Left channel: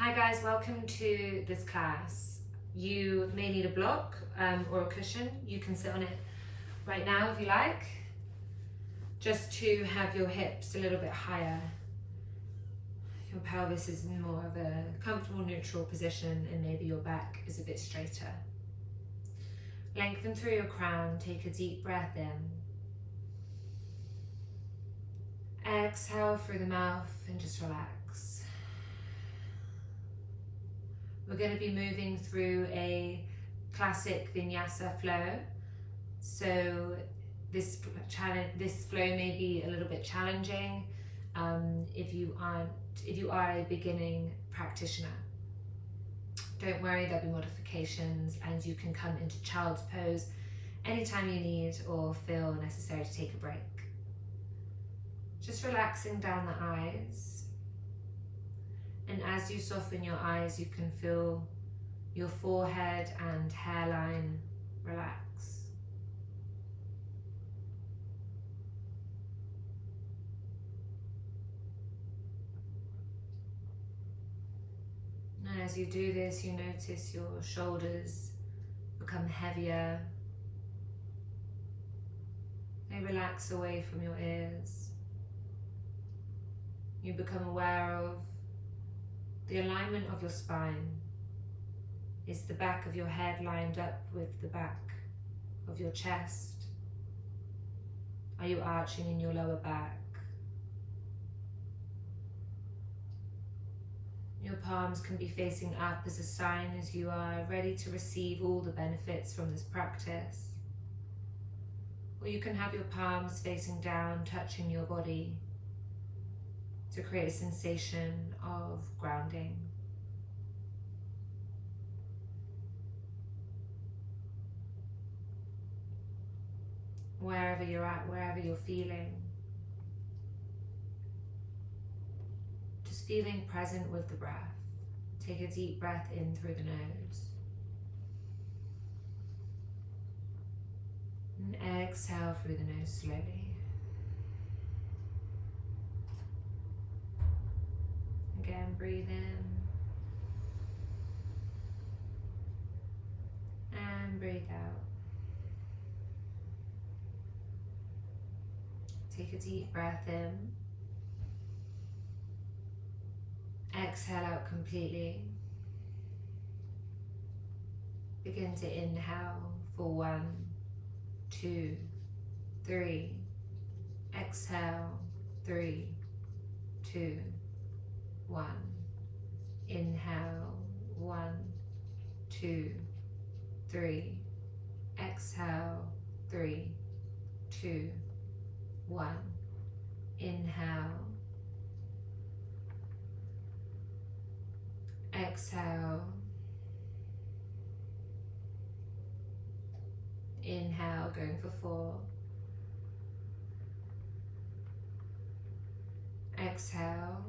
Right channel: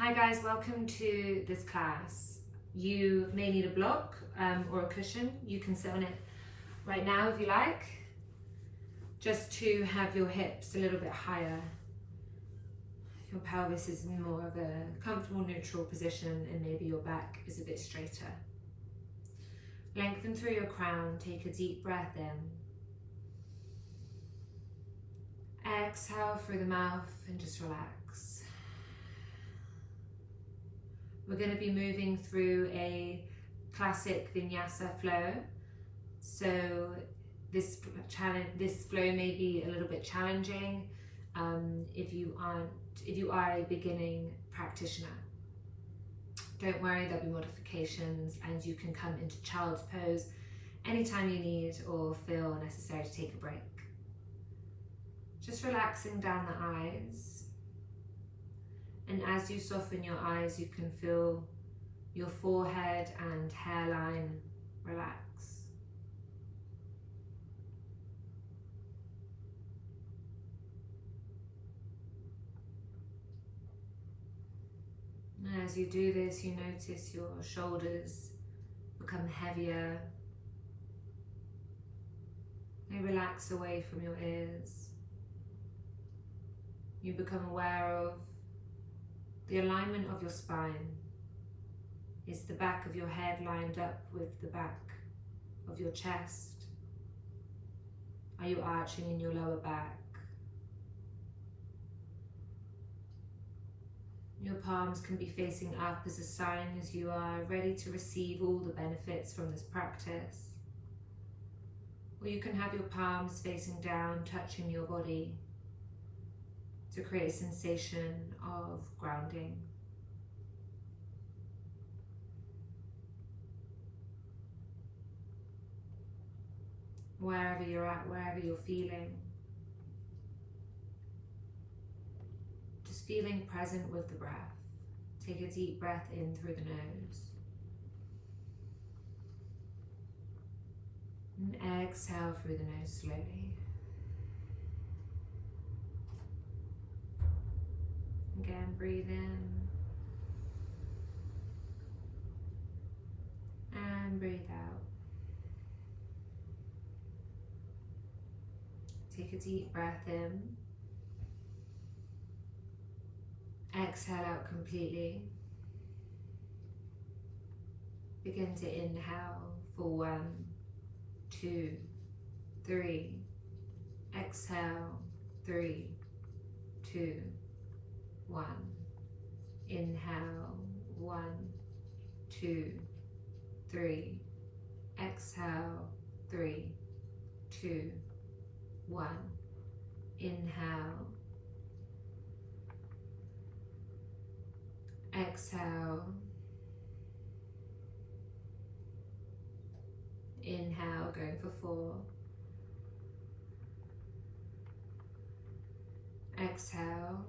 Hi guys, welcome to this class. You may need a block or a cushion. You can sit on it right now if you like, just to have your hips a little bit higher. Your pelvis is in more of a comfortable neutral position and maybe your back is a bit straighter. Lengthen through your crown, take a deep breath in. Exhale through the mouth and just relax. We're going to be moving through a classic Vinyasa flow. So this flow may be a little bit challenging if you are a beginning practitioner. Don't worry, there'll be modifications and you can come into child's pose anytime you need or feel necessary to take a break. Just relaxing down the eyes. And as you soften your eyes, you can feel your forehead and hairline relax. And as you do this, you notice your shoulders become heavier. They relax away from your ears. You become aware of the alignment of your spine. Is the back of your head lined up with the back of your chest? Are you arching in your lower back? Your palms can be facing up as a sign as you are ready to receive all the benefits from this practice. Or you can have your palms facing down, touching your body to create a sensation of grounding. Wherever you're at, wherever you're feeling, just feeling present with the breath. Take a deep breath in through the nose. And exhale through the nose slowly. Again, breathe in and breathe out. Take a deep breath in. Exhale out completely. Begin to inhale for 1, 2, 3. Exhale, 3, 2, 1. Inhale, 1, 2, 3. Exhale, 3, 2, 1. Inhale. Exhale. Inhale, going for 4. Exhale.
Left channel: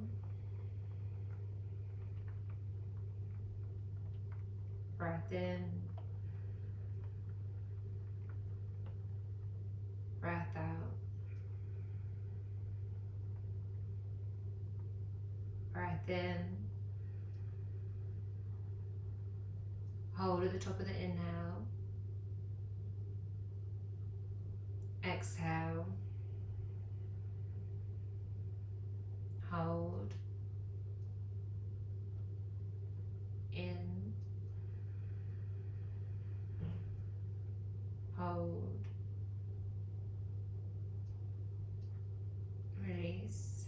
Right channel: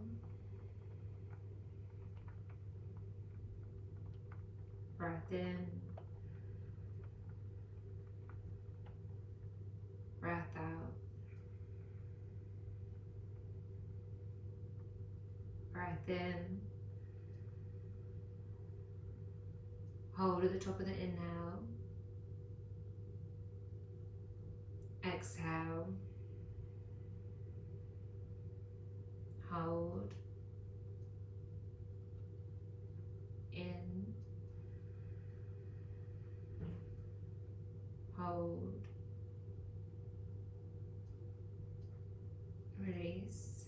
Breath in, breath out, breath in, hold at the top of the inhale, exhale, hold, in, hold, release,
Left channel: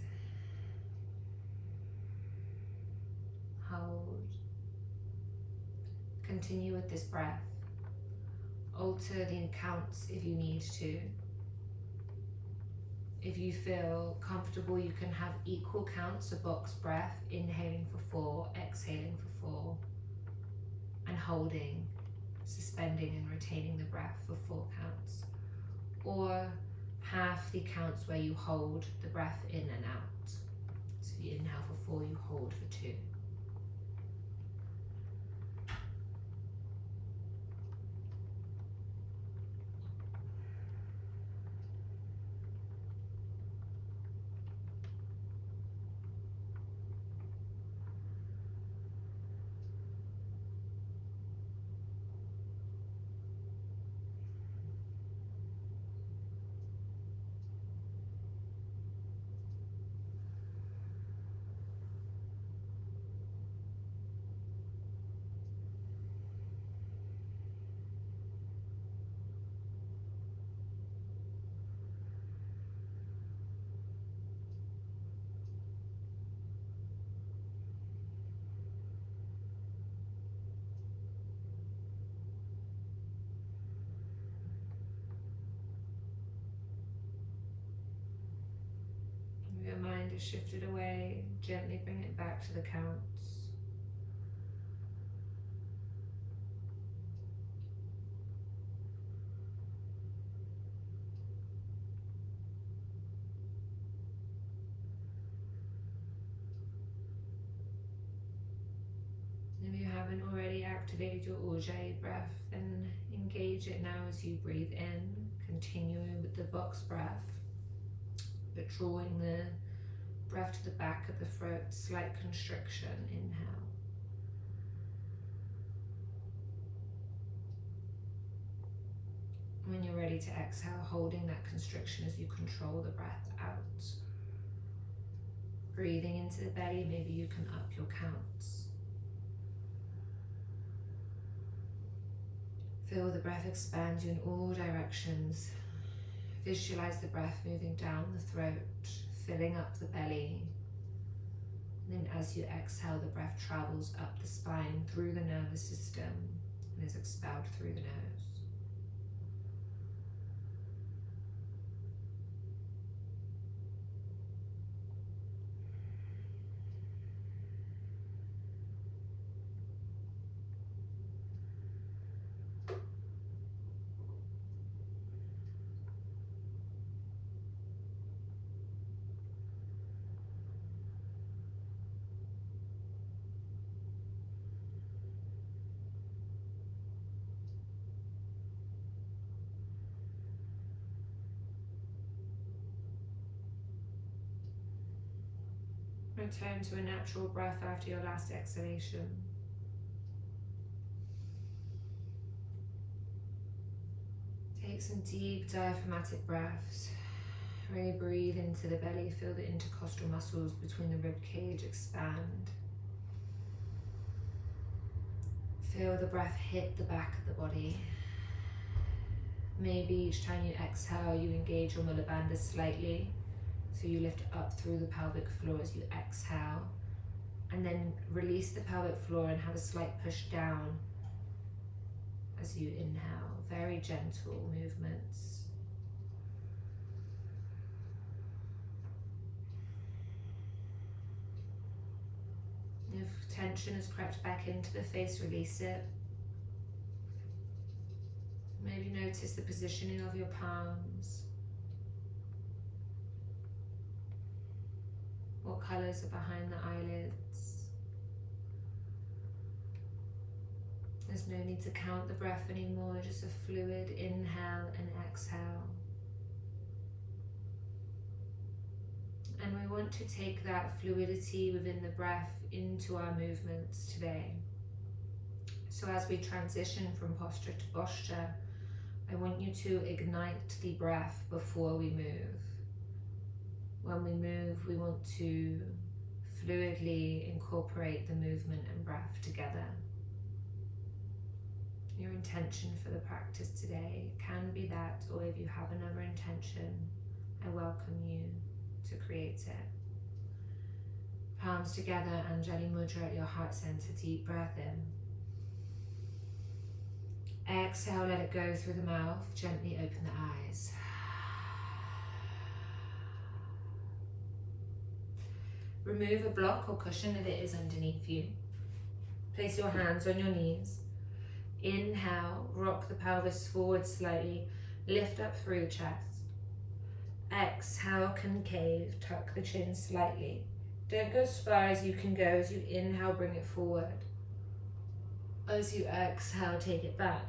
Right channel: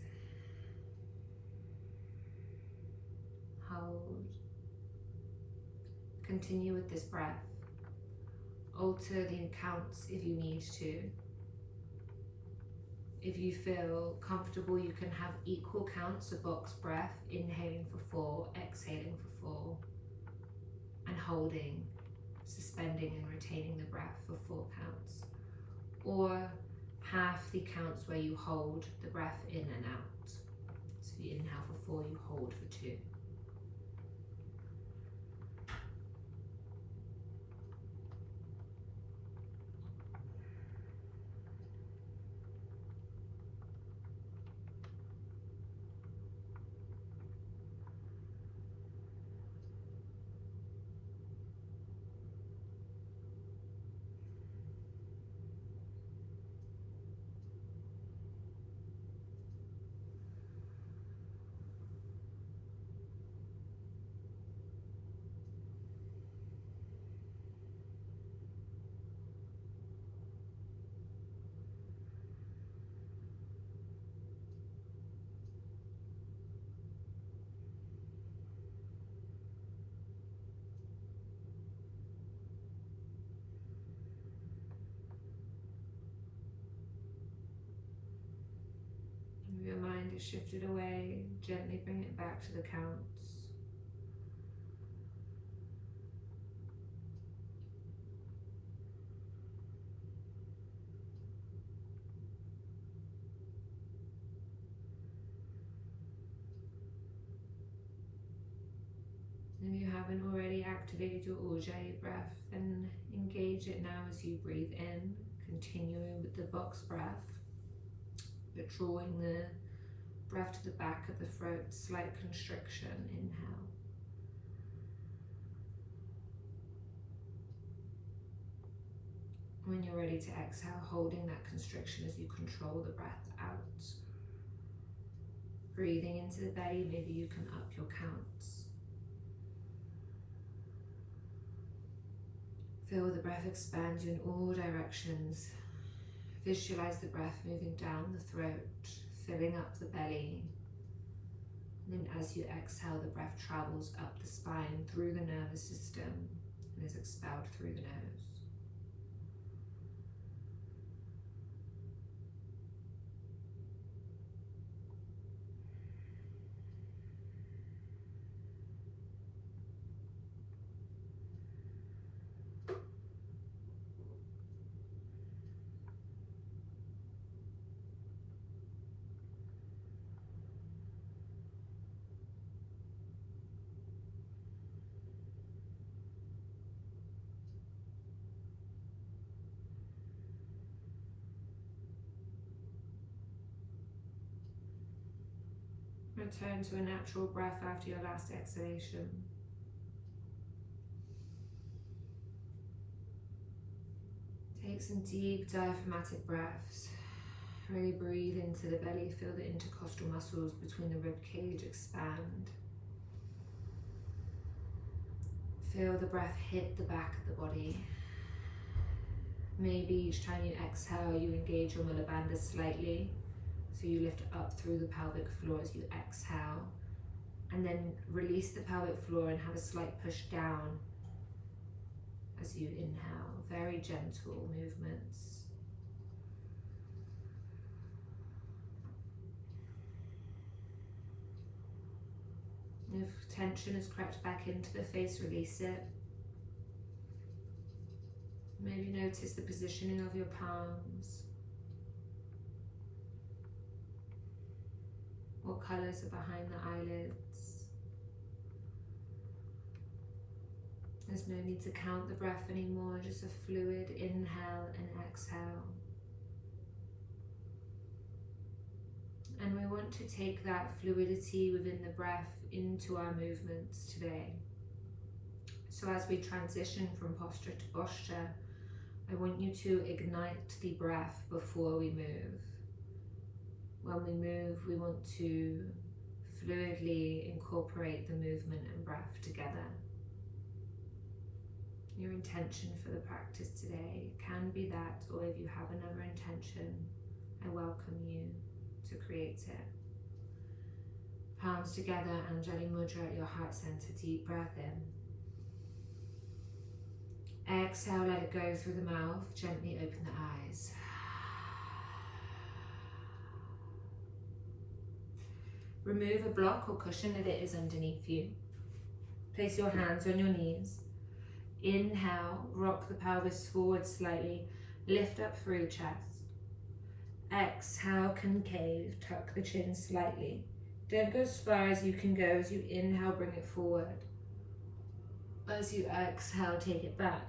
hold. Continue with this breath. Alter the counts if you need to. If you feel comfortable, you can have equal counts of box breath, inhaling for 4, exhaling for 4, and holding, suspending and retaining the breath for 4 counts, or half the counts where you hold the breath in and out. So if you inhale for 4, you hold for 2. focus shifted away, gently bring it back to the counts. If you haven't already activated your Ujjayi breath, then engage it now as you breathe in, continuing with the box breath, but drawing the breath to the back of the throat, slight constriction, inhale. When you're ready to exhale, holding that constriction as you control the breath out. Breathing into the belly, maybe you can up your counts. Feel the breath expand you in all directions. Visualize the breath moving down the throat, filling up the belly. And then as you exhale, the breath travels up the spine, through the nervous system, and is expelled through the nose. Return to a natural breath after your last exhalation. Take some deep diaphragmatic breaths. Really breathe into the belly, feel the intercostal muscles between the rib cage expand. Feel the breath hit the back of the body. Maybe each time you exhale, you engage your Mula Bandha slightly. So you lift up through the pelvic floor as you exhale, and then release the pelvic floor and have a slight push down as you inhale. Very gentle movements. If tension has crept back into the face, release it. Maybe notice the positioning of your palms. What colours are behind the eyelids? There's no need to count the breath anymore, just a fluid inhale and exhale. And we want to take that fluidity within the breath into our movements today. So as we transition from posture to posture, I want you to ignite the breath before we move. When we move, we want to fluidly incorporate the movement and breath together. Your intention for the practice today can be that, or if you have another intention, I welcome you to create it. Palms together, Anjali Mudra at your heart center, deep breath in. Exhale, let it go through the mouth, gently open the eyes. Remove a block or cushion if it is underneath you. Place your hands on your knees. Inhale, rock the pelvis forward slightly, lift up through chest. Exhale, concave, tuck the chin slightly. Don't go as far as you can go. As you inhale, bring it forward. As you exhale, take it back.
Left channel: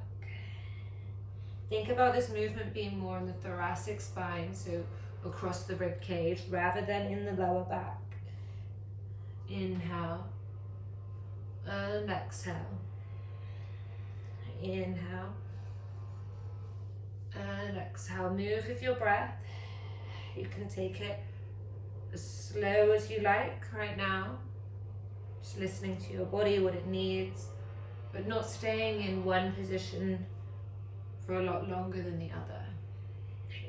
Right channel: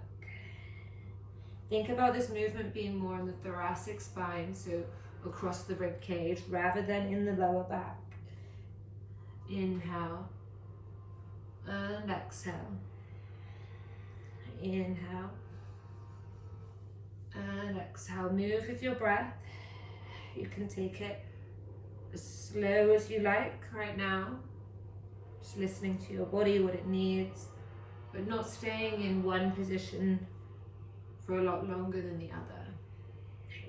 Think about this movement being more in the thoracic spine, so across the rib cage, rather than in the lower back. Inhale and exhale. Inhale and exhale. Move with your breath. You can take it as slow as you like right now. Just listening to your body, what it needs, but not staying in one position for a lot longer than the other.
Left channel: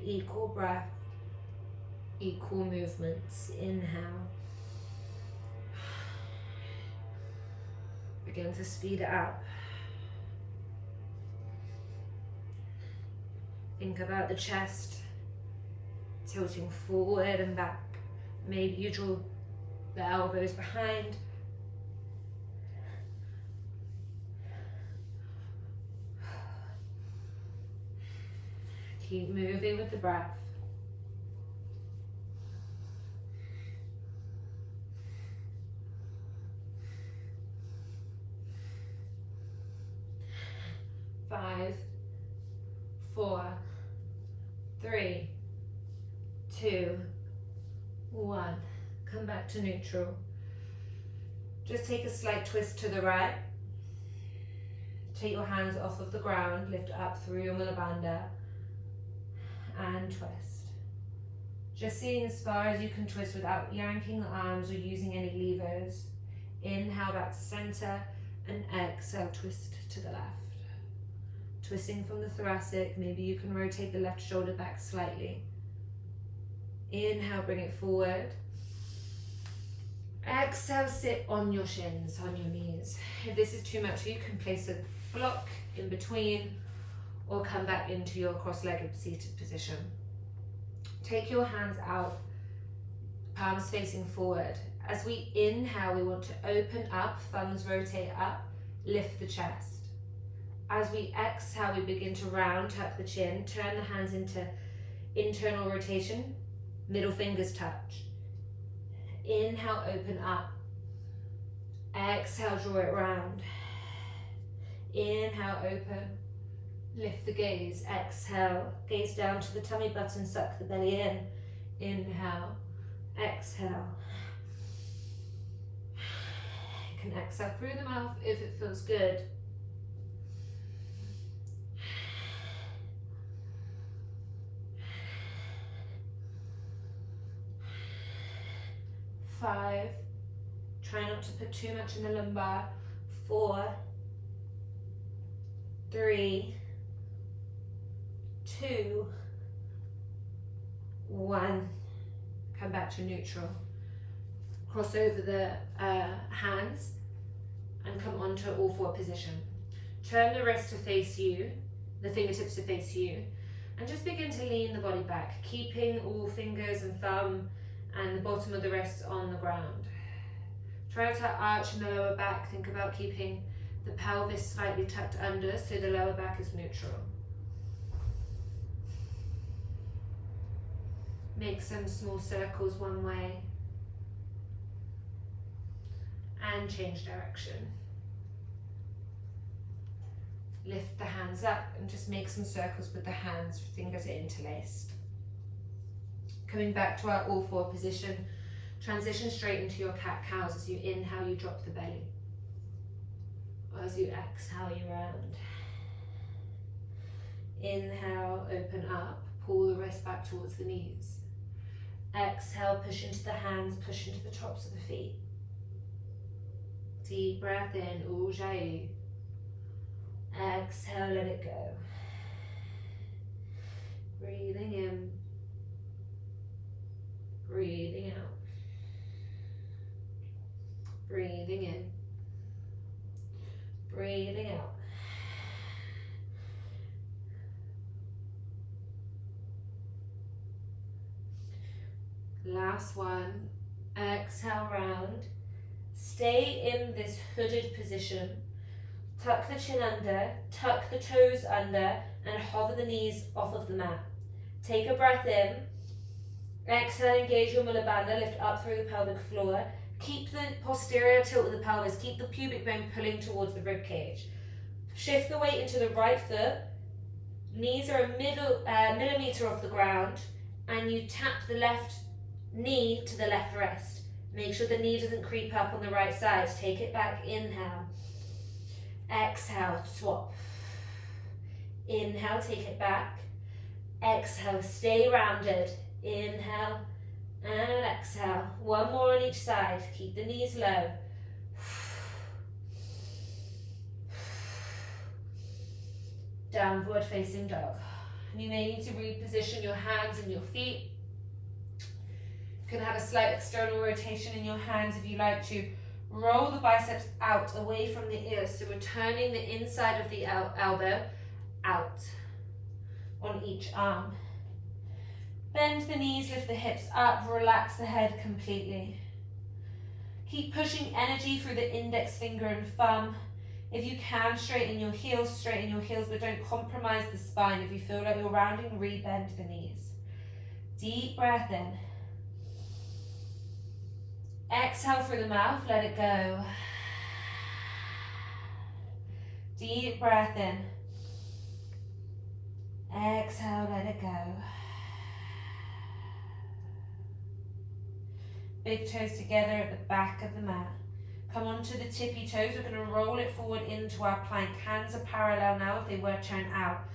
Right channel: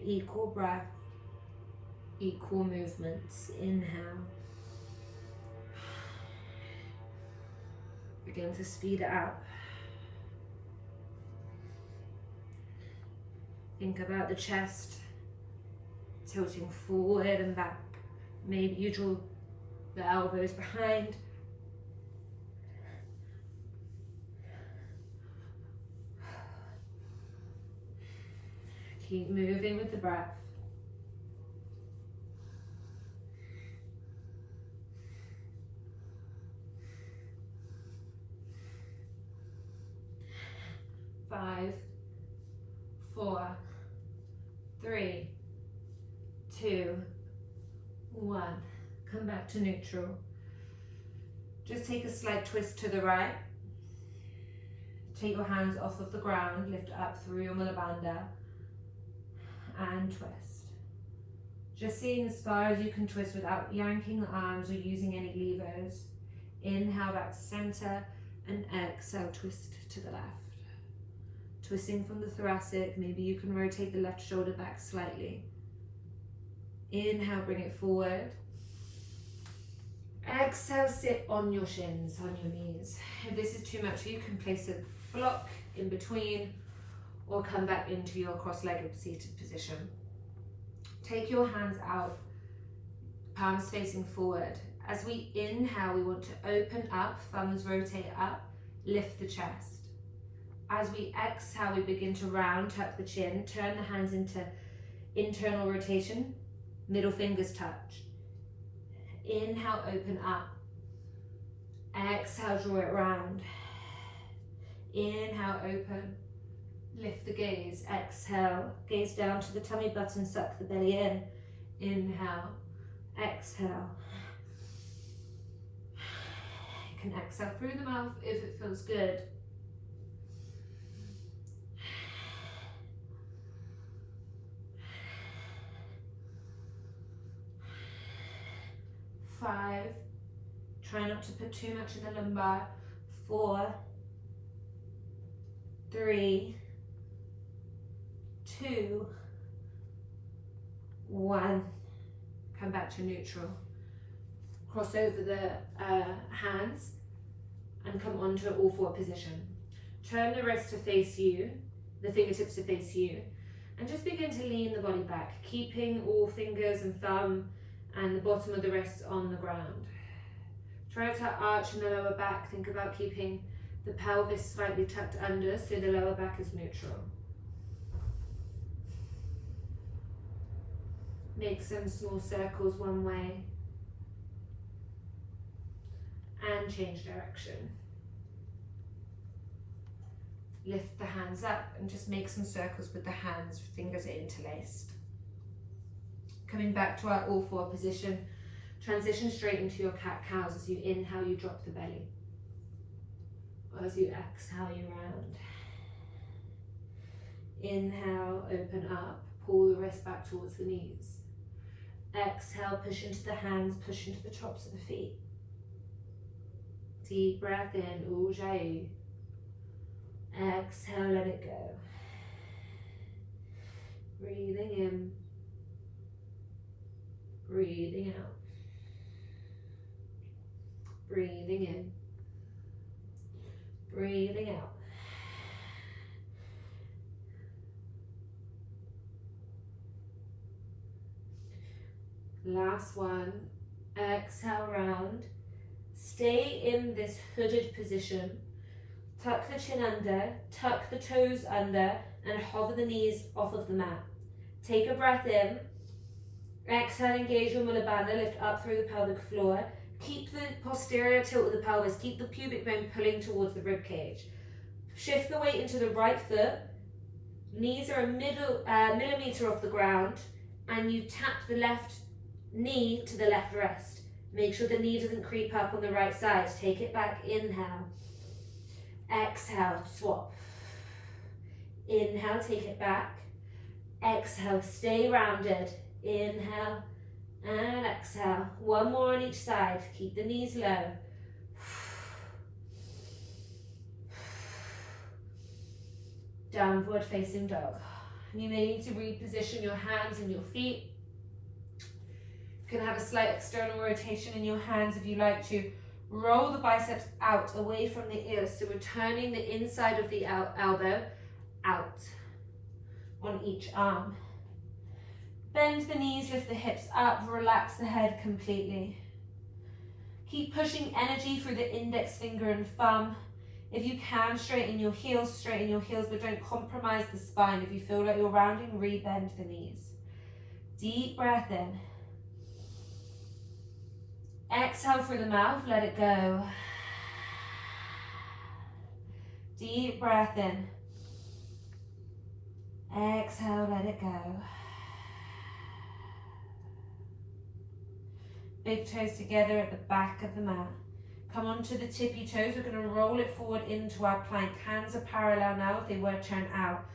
Equal breath, equal movements. Inhale. Begin to speed it up. Think about the chest tilting forward and back, Maybe you draw the elbows behind. Keep moving with the breath. Five, 4, 3, 2, 1. Come back to neutral. Just take a slight twist to the right. Take your hands off of the ground, lift up through your Mula Bandha and twist. Just seeing as far as you can twist without yanking the arms or using any levers. Inhale back to center and exhale, twist to the left. Twisting from the thoracic, maybe you can rotate the left shoulder back slightly. Inhale, bring it forward. Exhale, sit on your shins, on your knees. If this is too much, you can place a block in between or come back into your cross-legged seated position. Take your hands out, palms facing forward. As we inhale, we want to open up, thumbs rotate up, lift the chest. As we exhale, we begin to round, tuck the chin, turn the hands into internal rotation, middle fingers touch. Inhale, open up. Exhale, draw it round. Inhale, open. Lift the gaze. Exhale, gaze down to the tummy button, suck the belly in. Inhale, exhale. You can exhale through the mouth if it feels good. 5, try not to put too much in the lumbar. 4, 3, 2, 1. Come back to neutral. Cross over the hands and come onto all 4 position. Turn the wrist to face you, the fingertips to face you, and just begin to lean the body back, keeping all fingers and thumb and the bottom of the wrist on the ground. Try to arch in the lower back. Think about keeping the pelvis slightly tucked under so the lower back is neutral. Make some small circles one way and change direction. Lift the hands up and just make some circles with the hands, fingers are interlaced. Coming back to our all 4 position, transition straight into your cat-cows. As you inhale, you drop the belly. As you exhale, you round. Inhale, open up, pull the wrist back towards the knees. Exhale, push into the hands, push into the tops of the feet. Deep breath in, Ujjayi. Exhale, let it go. Breathing in. Breathing out. Breathing in. Breathing out. Last one. Exhale, round. Stay in this hooded position. Tuck the chin under, tuck the toes under, and hover the knees off of the mat. Take a breath in. Exhale, engage your Mula Bandha, lift up through the pelvic floor. Keep the posterior tilt of the pelvis, keep the pubic bone pulling towards the rib cage. Shift the weight into the right foot. Knees are a millimeter off the ground, and you tap the left knee to the left wrist. Make sure the knee doesn't creep up on the right side. Take it back, inhale. Exhale, swap. Inhale, take it back. Exhale, stay rounded. Inhale and exhale. One more on each side. Keep the knees low. Downward facing dog. You may need to reposition your hands and your feet. You can have a slight external rotation in your hands if you like to. Roll the biceps out away from the ears, so we're turning the inside of the elbow out on each arm. Bend the knees, lift the hips up, relax the head completely. Keep pushing energy through the index finger and thumb. If you can, straighten your heels, but don't compromise the spine. If you feel like you're rounding, re-bend the knees. Deep breath in. Exhale through the mouth, let it go. Deep breath in. Exhale, let it go. Big toes together at the back of the mat. Come onto the tippy toes. We're going to roll it forward into our plank. Hands are parallel now if they were turned out.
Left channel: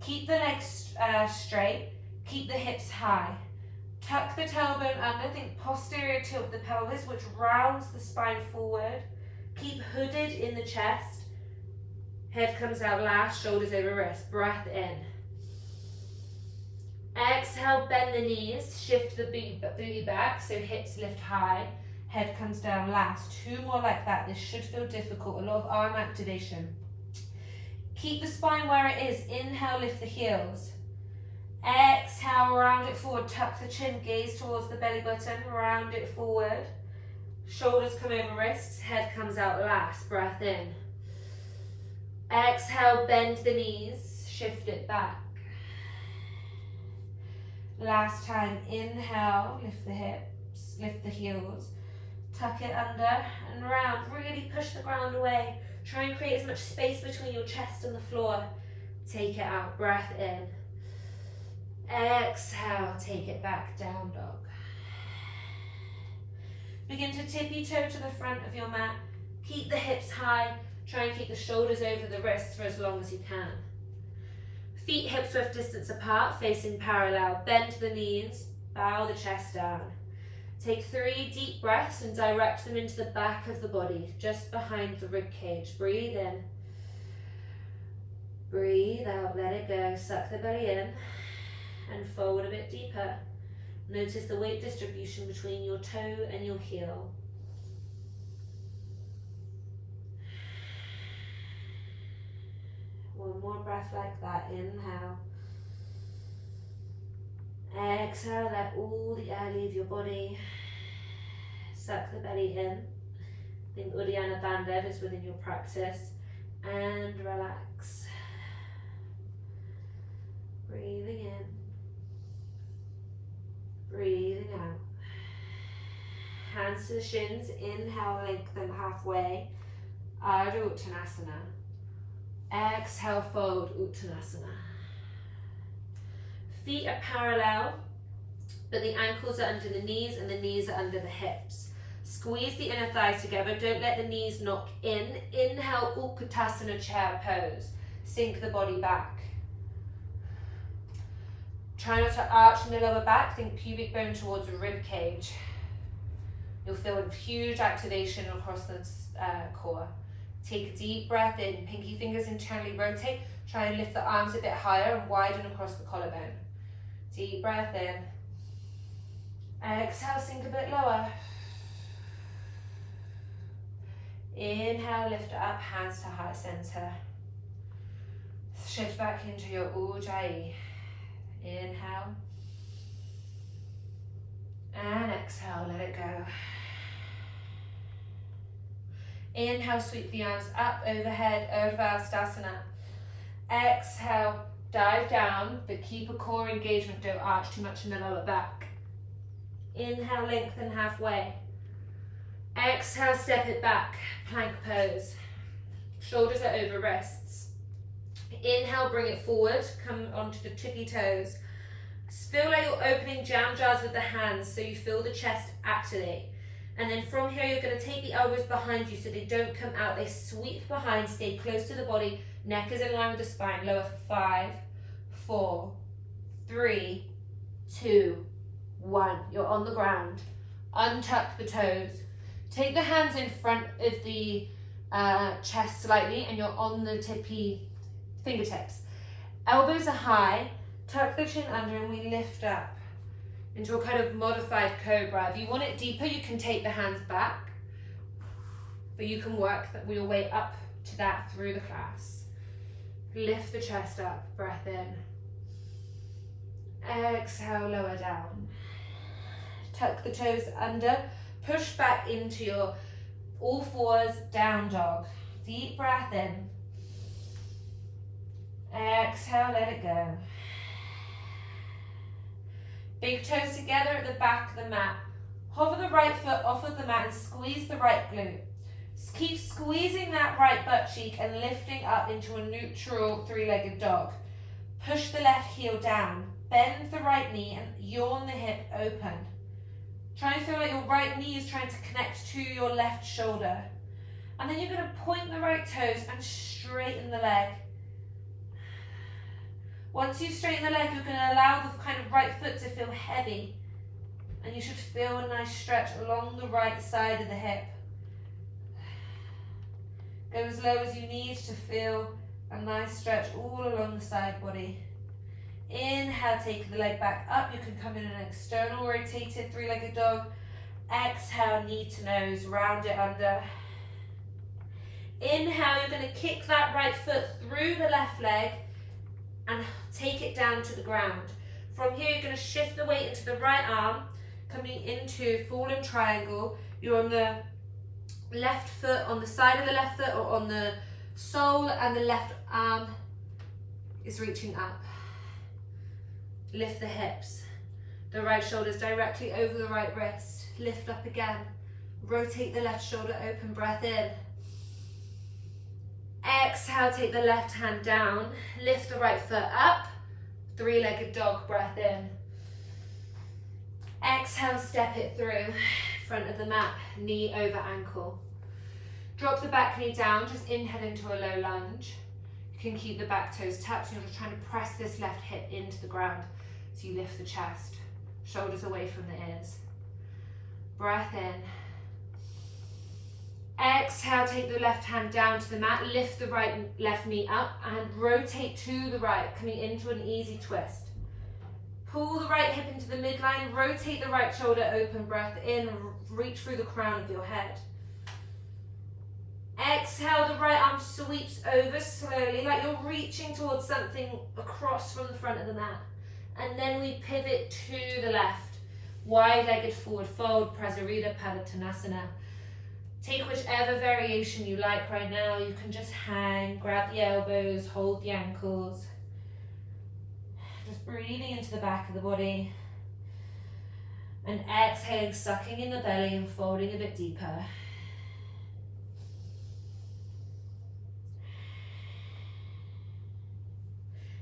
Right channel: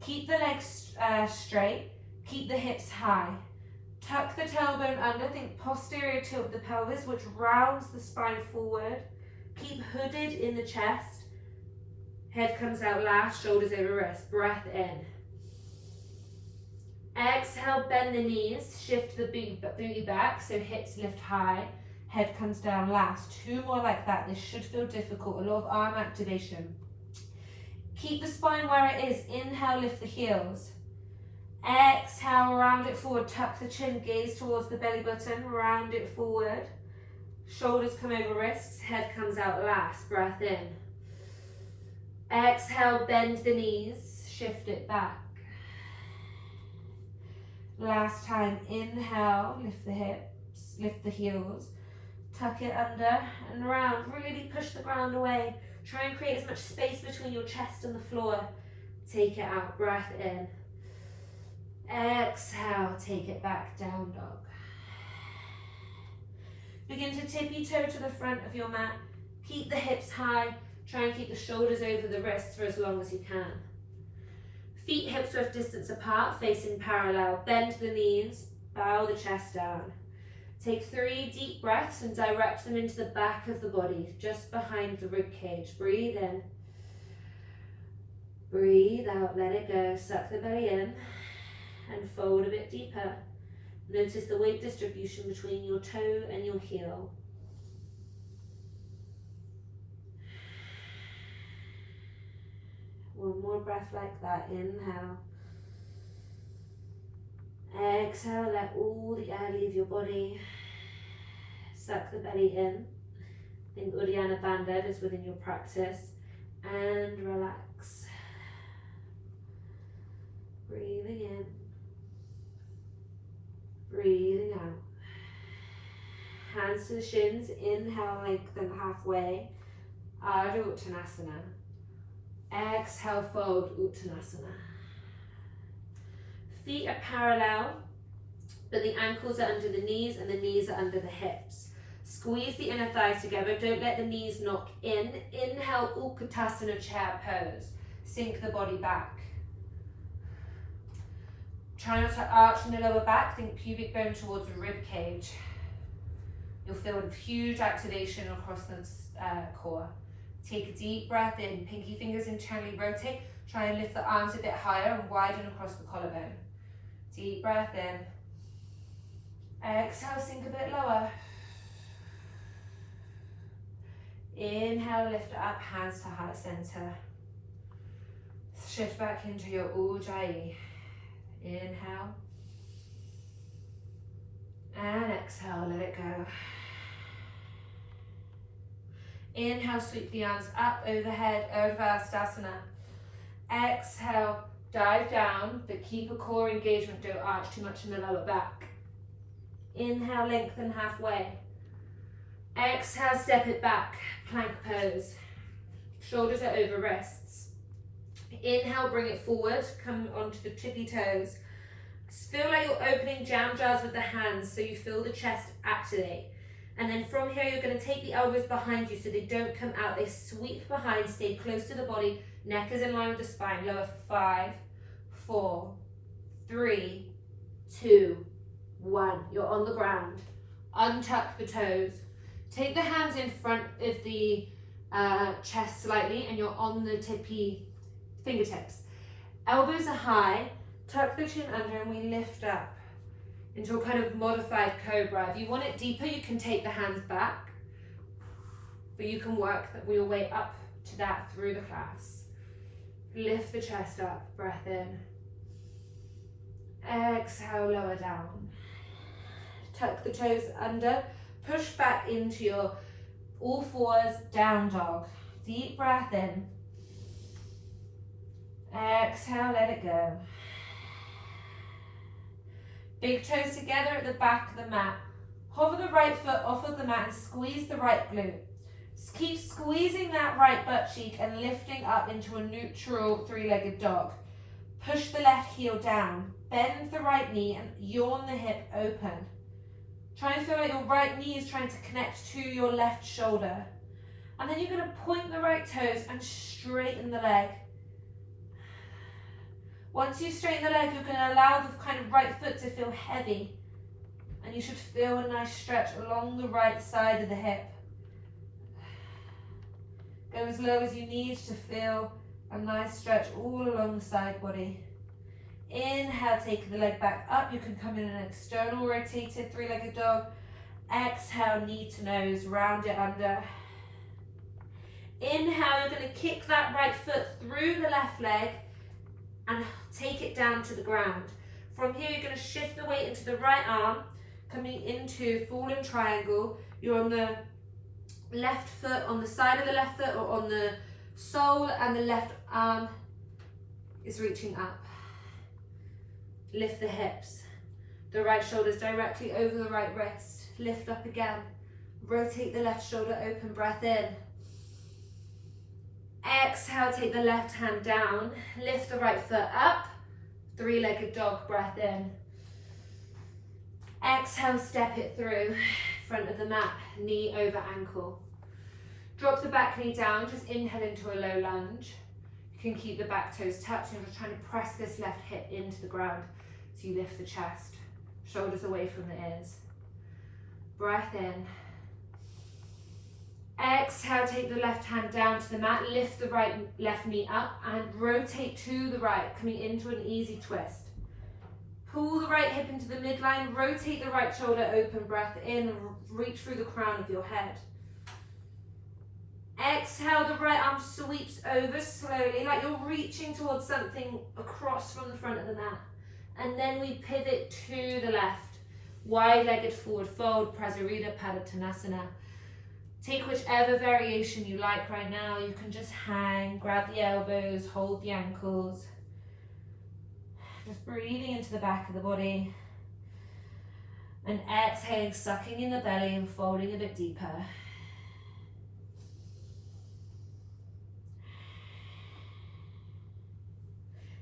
Keep the legs straight. Keep the hips high. Tuck the tailbone under. Think posterior tilt of the pelvis, which rounds the spine forward. Keep hooded in the chest. Head comes out last, shoulders over wrist. Breath in. Exhale, bend the knees. Shift the booty back, so hips lift high. Head comes down last. 2 more like that. This should feel difficult. A lot of arm activation. Keep the spine where it is. Inhale, lift the heels. Exhale, round it forward. Tuck the chin, gaze towards the belly button. Round it forward. Shoulders come over wrists. Head comes out last. Breath in. Exhale, bend the knees. Shift it back. Last time. Inhale, lift the hips, lift the heels. Tuck it under and round. Really push the ground away. Try and create as much space between your chest and the floor. Take it out. Breath in. Exhale. Take it back. Down dog. Begin to tippy toe to the front of your mat. Keep the hips high. Try and keep the shoulders over the wrists for as long as you can. Feet hips width distance apart, facing parallel. Bend the knees. Bow the chest down. Take 3 deep breaths and direct them into the back of the body, just behind the rib cage. Breathe in. Breathe out, let it go. Suck the belly in and fold a bit deeper. Notice the weight distribution between your toe and your heel. One more breath like that. Inhale. Exhale, let all the air leave your body. Suck the belly in. Think Uddiyana Bandha is within your practice. And relax. Breathing in. Breathing out. Hands to the shins. Inhale, lengthen halfway. Ardha Uttanasana. Exhale, fold Uttanasana. Feet are parallel, but the ankles are under the knees and the knees are under the hips. Squeeze the inner thighs together. Don't let the knees knock in. Inhale, Utkatasana chair pose. Sink the body back. Try not to arch in the lower back. Think pubic bone towards the rib cage. You'll feel a huge activation across the core. Take a deep breath in. Pinky fingers internally rotate. Try and lift the arms a bit higher and widen across the collarbone. Deep breath in. Exhale, sink a bit lower. Inhale, lift it up, hands to heart center. Shift back into your Ujjayi. Inhale. And exhale, let it go. Inhale, sweep the arms up overhead, Urdhva Hastasana. Exhale, dive down, but keep a core engagement, don't arch too much in the lower back. Inhale, lengthen halfway. Exhale, step it back, plank pose. Shoulders are over wrists. Inhale, bring it forward, come onto the tippy toes. Feel like you're opening jam jars with the hands so you feel the chest activate. And then from here, you're going to take the elbows behind you so they don't come out. They sweep behind, stay close to the body. Neck is in line with the spine. Lower for 5, 4, 3, 2, 1. You're on the ground. Untuck the toes. Take the hands in front of the chest slightly and you're on the tippy fingertips. Elbows are high. Tuck the chin under and we lift up into a kind of modified cobra. If you want it deeper, you can take the hands back, but you can work your way up to that through the class. Lift the chest up, breath in. Exhale, lower down. Tuck the toes under. Push back into your all fours, down dog. Deep breath in. Exhale, let it go. Big toes together at the back of the mat. Hover the right foot off of the mat and squeeze the right glute. Keep squeezing that right butt cheek and lifting up into a neutral three-legged dog. Push the left heel down. Bend the right knee and yawn the hip open. Try and feel like your right knee is trying to connect to your left shoulder. And then you're going to point the right toes and straighten the leg. Once you straighten the leg, you're going to allow the kind of right foot to feel heavy. And you should feel a nice stretch along the right side of the hip. Go as low as you need to feel a nice stretch all along the side body. Inhale, take the leg back up. You can come in an external rotated three-legged dog. Exhale, knee to nose, round it under. Inhale, you're going to kick that right foot through the left leg and take it down to the ground. From here, you're going to shift the weight into the right arm, coming into fallen triangle. You're on the left foot, on the side of the left foot, or on the sole, and the left arm is reaching up. Lift the hips. The right shoulder is directly over the right wrist. Lift up again. Rotate the left shoulder open, breath in. Exhale, take the left hand down. Lift the right foot up. Three-legged dog, breath in. Exhale, step it through. Front of the mat, knee over ankle. Drop the back knee down, just inhale into a low lunge. You can keep the back toes touched. You're just trying to press this left hip into the ground. So you lift the chest, shoulders away from the ears. Breath in. Exhale, take the left hand down to the mat, lift the left knee up and rotate to the right, coming into an easy twist. Pull the right hip into the midline, rotate the right shoulder open, breath in, reach through the crown of your head. Exhale, the right arm sweeps over slowly, like you're reaching towards something across from the front of the mat. And then we pivot to the left. Wide-legged forward fold, Prasarita Padottanasana. Take whichever variation you like right now. You can just hang, grab the elbows, hold the ankles. Just breathing into the back of the body. And exhaling, sucking in the belly and folding a bit deeper.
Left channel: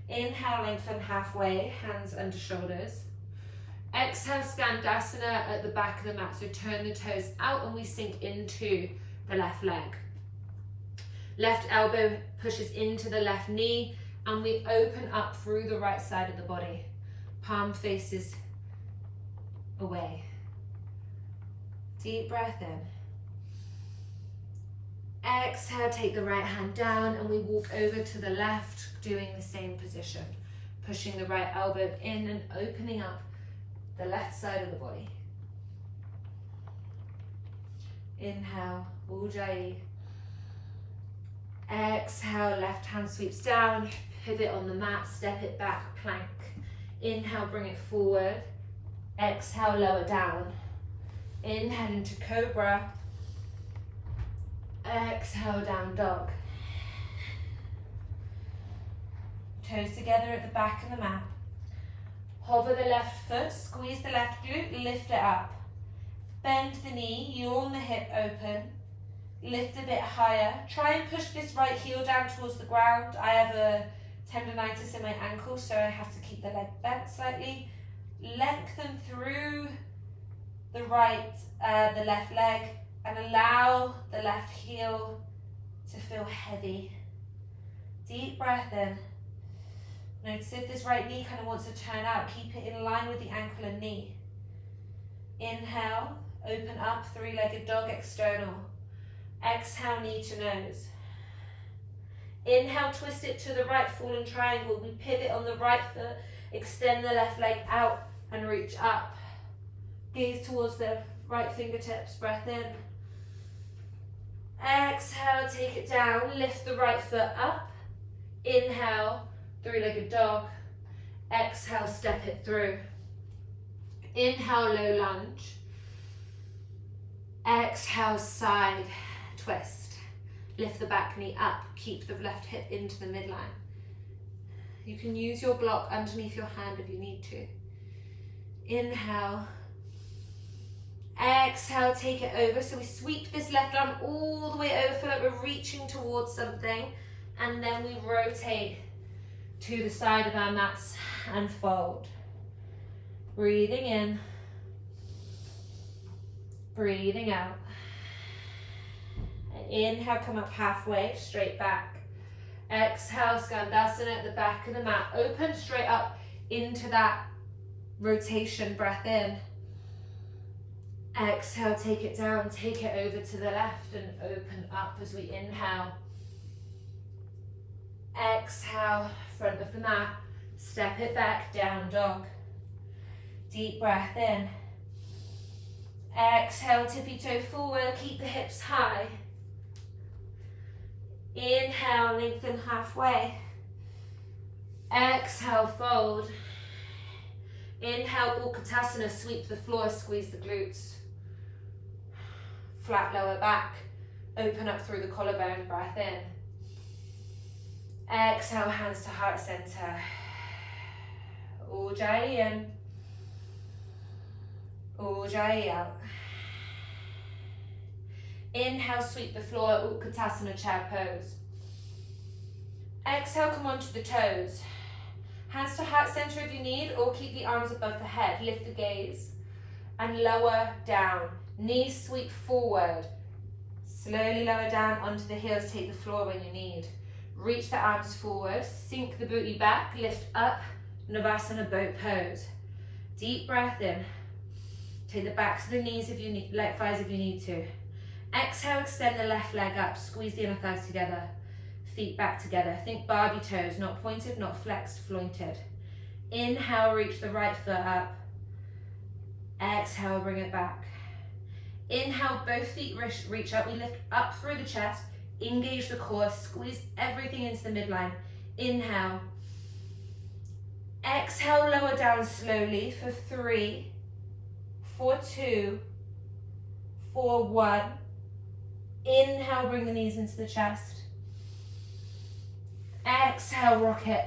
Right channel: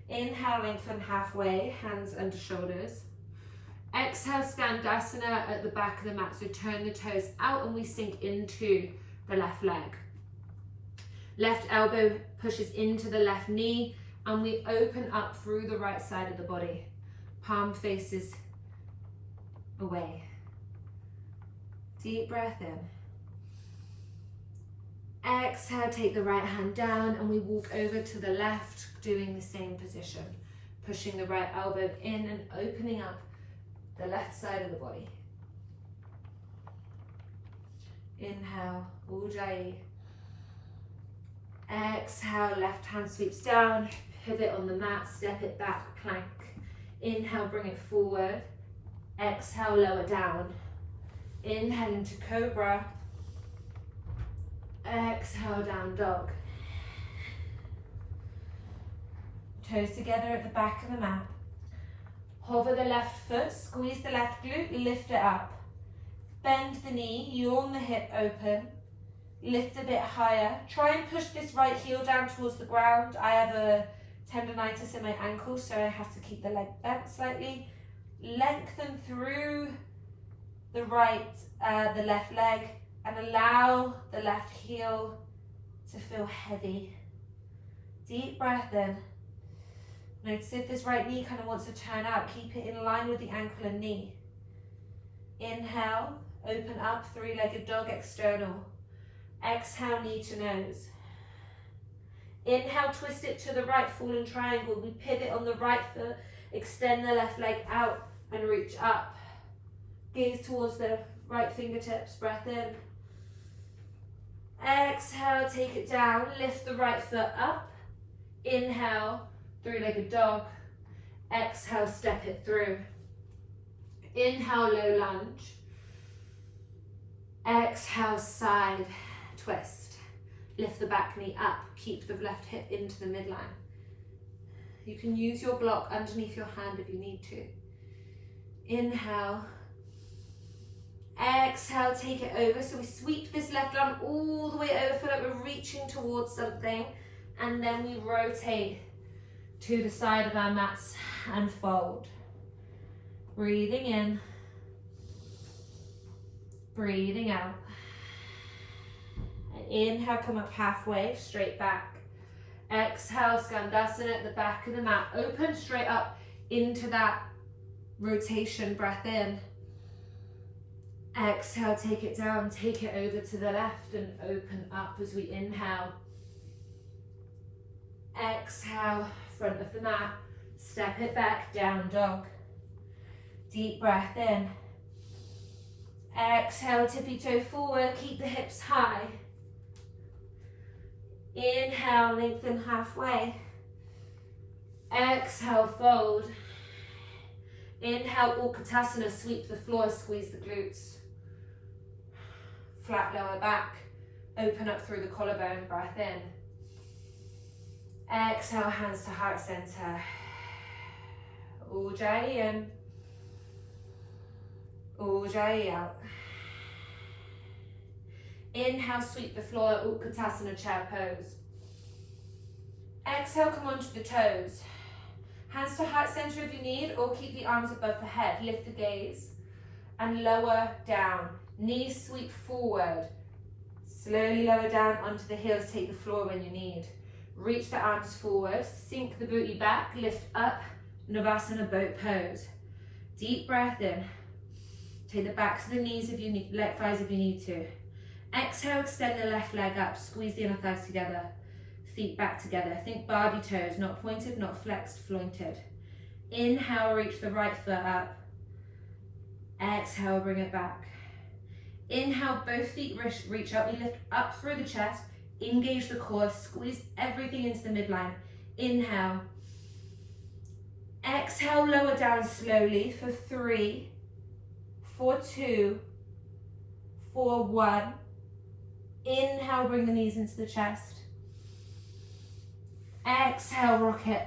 Inhale, lengthen halfway, hands under shoulders. Exhale, Skandasana at the back of the mat. So turn the toes out and we sink into the left leg. Left elbow pushes into the left knee and we open up through the right side of the body. Palm faces away. Deep breath in. Exhale, take the right hand down and we walk over to the left, doing the same position. Pushing the right elbow in and opening up the left side of the body. Inhale, Ujjayi. Exhale, left hand sweeps down, pivot on the mat, step it back, plank. Inhale, bring it forward. Exhale, lower down. Inhale into cobra. Exhale, down dog. Toes together at the back of the mat. Hover the left foot, squeeze the left glute, lift it up. Bend the knee, yawn the hip open. Lift a bit higher. Try and push this right heel down towards the ground. I have a tendonitis in my ankle, so I have to keep the leg bent slightly. Lengthen through the left leg and allow the left heel to feel heavy. Deep breath in. Notice if this right knee kind of wants to turn out, keep it in line with the ankle and knee. Inhale, open up, three-legged dog external. Exhale, knee to nose. Inhale, twist it to the right, fallen triangle. We pivot on the right foot, extend the left leg out and reach up. Gaze towards the right fingertips, breath in. Exhale, take it down, lift the right foot up. Inhale, three-legged dog. Exhale, step it through. Inhale, low lunge. Exhale, side twist. Lift the back knee up, keep the left hip into the midline. You can use your block underneath your hand if you need to. Inhale. Exhale, take it over. So we sweep this left arm all the way over, feel like we're reaching towards something. And then we rotate to the side of our mats and fold. Breathing in. Breathing out. Inhale, come up halfway, straight back. Exhale, Skandasana at the back of the mat. Open straight up into that rotation, breath in. Exhale, take it down, take it over to the left and open up as we inhale. Exhale, front of the mat, step it back, down dog. Deep breath in. Exhale, tippy toe forward, keep the hips high. Inhale, lengthen halfway. Exhale, fold. Inhale, Utkatasana, sweep the floor, squeeze the glutes. Flat lower back, open up through the collarbone, breath in. Exhale, hands to heart center. Ujjayi in. Ujjayi out. Inhale, sweep the floor, Utkatasana, chair pose. Exhale, come onto the toes. Hands to heart center if you need, or keep the arms above the head. Lift the gaze and lower down. Knees sweep forward. Slowly lower down onto the heels, take the floor when you need. Reach the arms forward, sink the booty back, lift up, Navasana boat pose. Deep breath in. Take the backs of the knees if you need, leg thighs if you need to. Exhale, extend the left leg up, squeeze the inner thighs together. Feet back together. Think Barbie toes, not pointed, not flexed, flointed. Inhale, reach the right foot up. Exhale, bring it back. Inhale, both feet reach up. We lift up through the chest, engage the core, squeeze everything into the midline. Inhale. Exhale, lower down slowly for 3, for 2, for 1. Inhale, bring the knees into the chest. Exhale, rock it.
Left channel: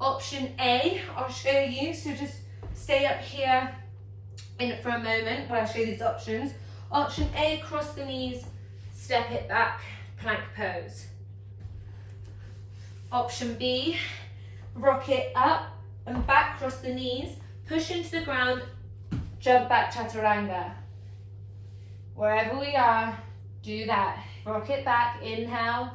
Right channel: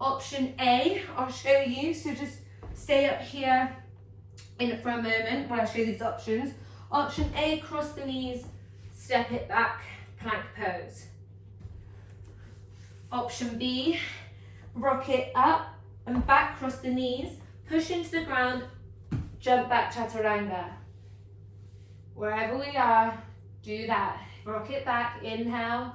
Option A, I'll show you, so just stay up here for a moment while I show you these options. Option A, cross the knees, step it back, plank pose. Option B, rock it up and back, cross the knees, push into the ground, jump back, chaturanga. Wherever we are, do that. Rock it back, inhale.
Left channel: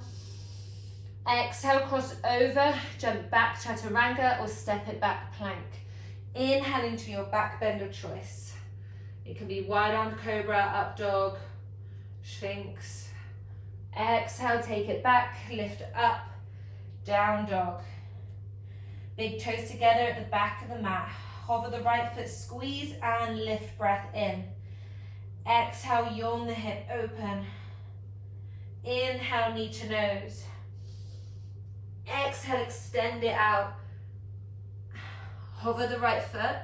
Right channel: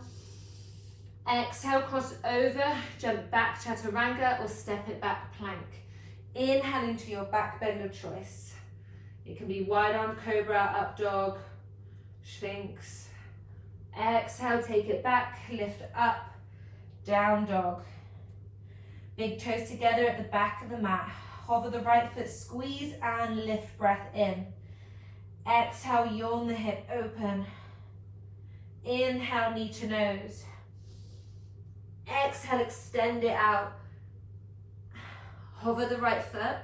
Exhale, cross over, jump back, chaturanga, or step it back, plank. Inhale into your back bend of choice. It can be wide arm cobra, up dog, sphinx. Exhale, take it back, lift up, down dog. Big toes together at the back of the mat. Hover the right foot, squeeze and lift, breath in. Exhale, yawn the hip open. Inhale, knee to nose. Exhale, extend it out. Hover the right foot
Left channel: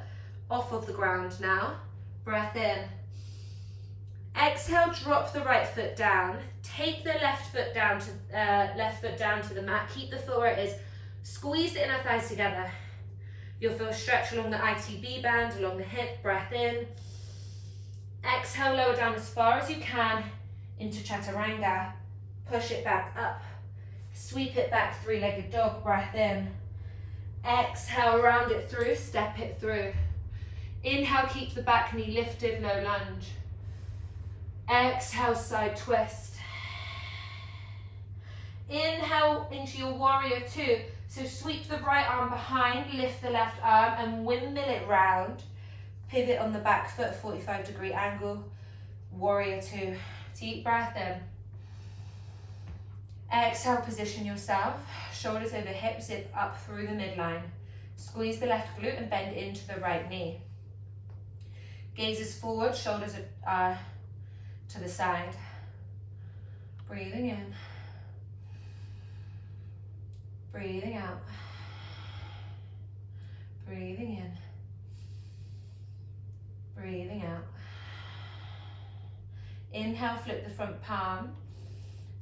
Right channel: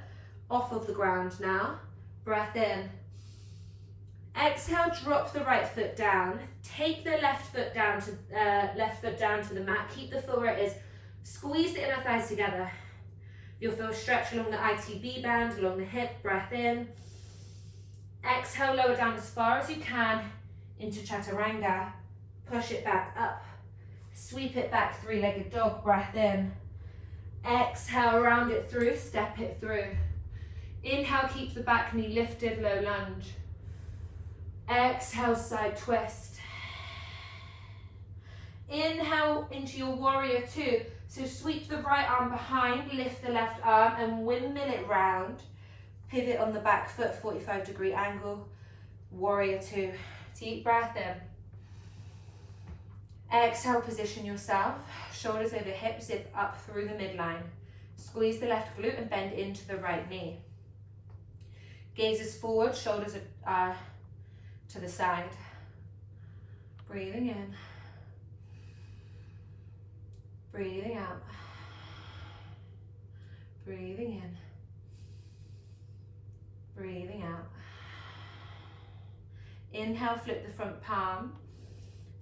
off of the ground now. Breath in. Exhale, drop the right foot down. Take the left foot down to the mat. Keep the foot where it is. Squeeze the inner thighs together. You'll feel stretch along the ITB band, along the hip. Breath in. Exhale, lower down as far as you can into chaturanga. Push it back up. Sweep it back, three-legged dog. Breath in. Exhale, round it through, step it through. Inhale, keep the back knee lifted, low lunge. Exhale, side twist. Inhale into your warrior two. So sweep the right arm behind, lift the left arm and windmill it round. Pivot on the back foot, 45-degree angle. Warrior two. Deep breath in. Exhale, position yourself. Shoulders over hips, zip up through the midline. Squeeze the left glute and bend into the right knee. Gazes forward, shoulders are to the side. Breathing in. Breathing out. Breathing in. Breathing out. Inhale, flip the front palm.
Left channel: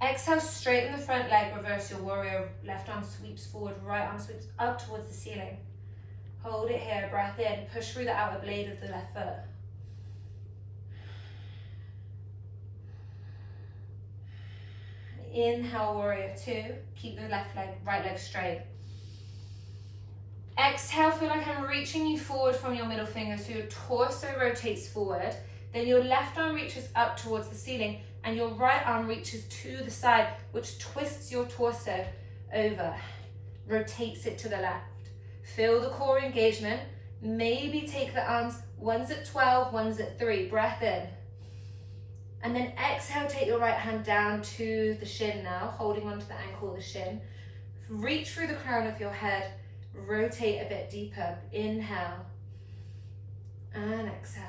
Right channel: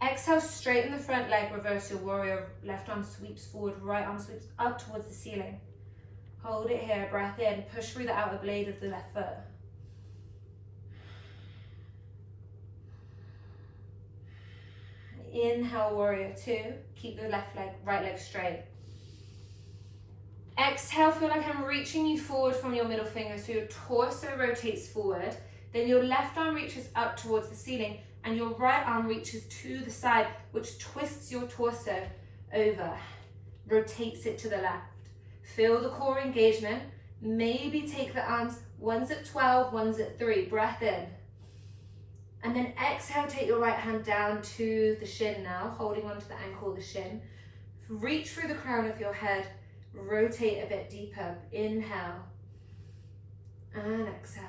Exhale, straighten the front leg, reverse your warrior. Left arm sweeps forward, right arm sweeps up towards the ceiling. Hold it here, breath in, push through the outer blade of the left foot. Inhale, warrior two. Keep the right leg straight. Exhale, feel like I'm reaching you forward from your middle finger, so your torso rotates forward. Then your left arm reaches up towards the ceiling, and your right arm reaches to the side, which twists your torso over, rotates it to the left. Feel the core engagement. Maybe take the arms, one's at 12, one's at 3. Breath in. And then exhale, take your right hand down to the shin now, holding onto the ankle of the shin. Reach through the crown of your head, rotate a bit deeper. Inhale and exhale.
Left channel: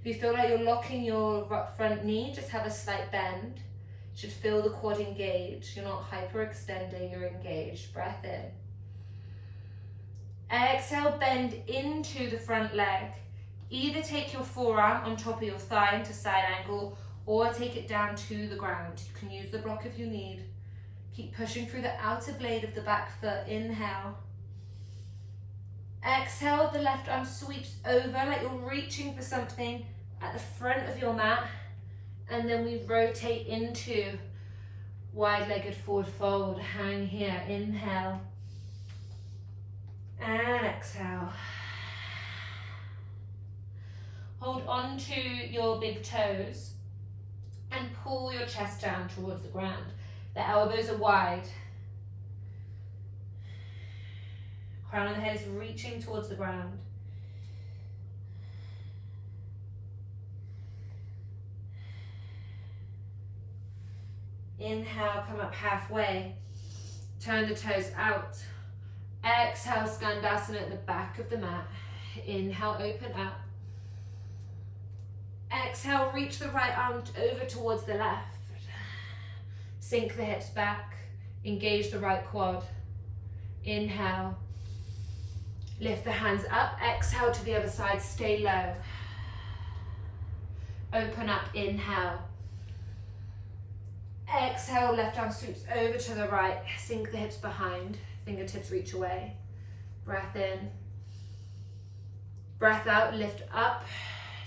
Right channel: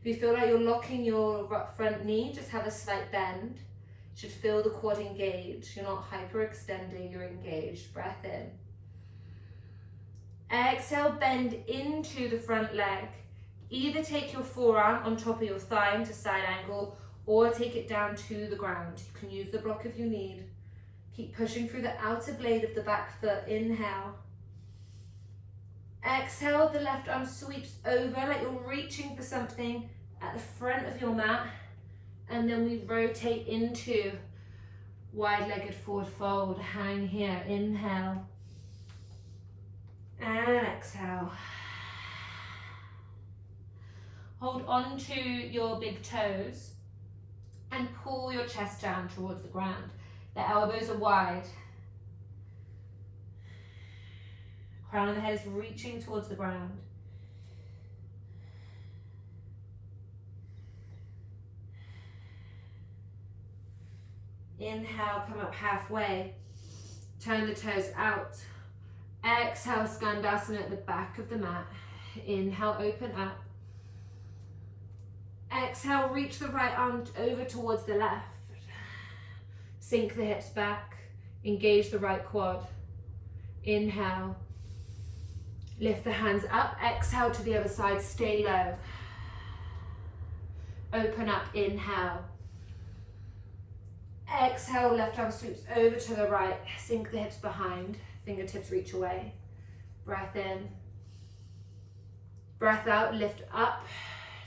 If you feel like you're locking your front knee, just have a slight bend. You should feel the quad engage. You're not hyperextending, you're engaged. Breath in. Exhale, bend into the front leg. Either take your forearm on top of your thigh into side angle, or take it down to the ground. You can use the block if you need. Keep pushing through the outer blade of the back foot. Inhale. Exhale, the left arm sweeps over like you're reaching for something at the front of your mat. And then we rotate into wide-legged forward fold. Hang here. Inhale. And exhale. Hold on to your big toes and pull your chest down towards the ground. The elbows are wide. Crown of the head is reaching towards the ground. Inhale, come up halfway. Turn the toes out. Exhale, Skandasana at the back of the mat. Inhale, open up. Exhale, reach the right arm over towards the left. Sink the hips back. Engage the right quad. Inhale. Lift the hands up, exhale to the other side, stay low. Open up, inhale. Exhale, left arm sweeps over to the right, sink the hips behind, fingertips reach away. Breath in. Breath out, lift up,